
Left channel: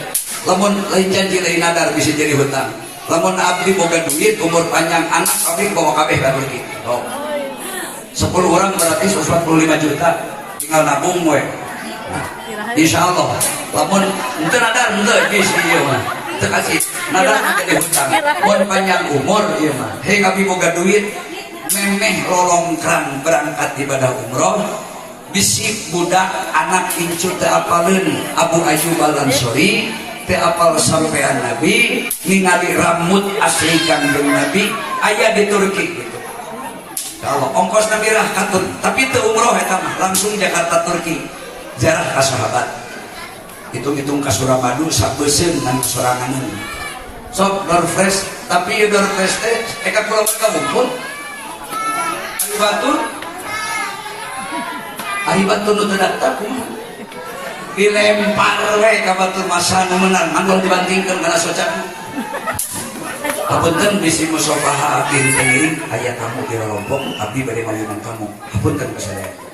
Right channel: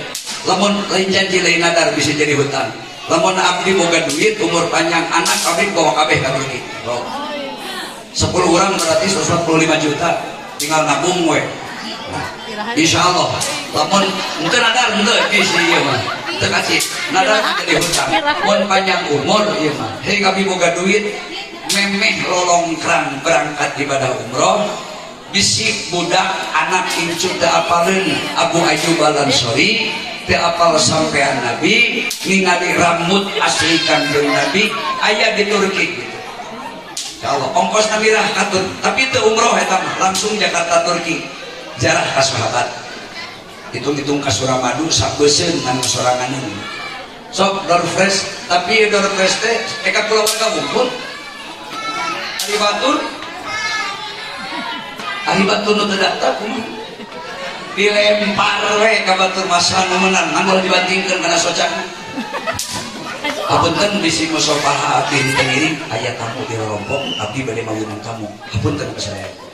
lamun lain janji lain nadar bisa jadi hutang lamun abdi boga duit umur panjang anak abdi bawa kabeh ka Turki 10 orang berarti 145 juta tinggal nabung we nah, insya Allah lamun henteu nadar henteu geus ieu mah teu kasih nadar jadi hutang mun panjang umur ieu mah he abdi boga duit memeh lolongkrang berangkat ibadah umroh bisik budak anak incu teu apaleun Abu Ayyub Al-Ansori teu apal sampean Nabi ningali rambut asli kanjeng Nabi aya di Turki insyaallah ongkos mirah katun tapi teu umroh eta langsung Jakarta Turki jarah ka sahabat hitung-hitung ka Suramadu sabeuseun ngan soranganeun sok door fresh tapi door fresh teh eka pulau kabungkul ari batur nu teu daftar dilempar we ka batur masa nununan anggur dibandingkeun kana socak hapunten bisi musofaha abdi teh aya tamu di Lombok abdi bade mayunan kamu hapunten ka sadaya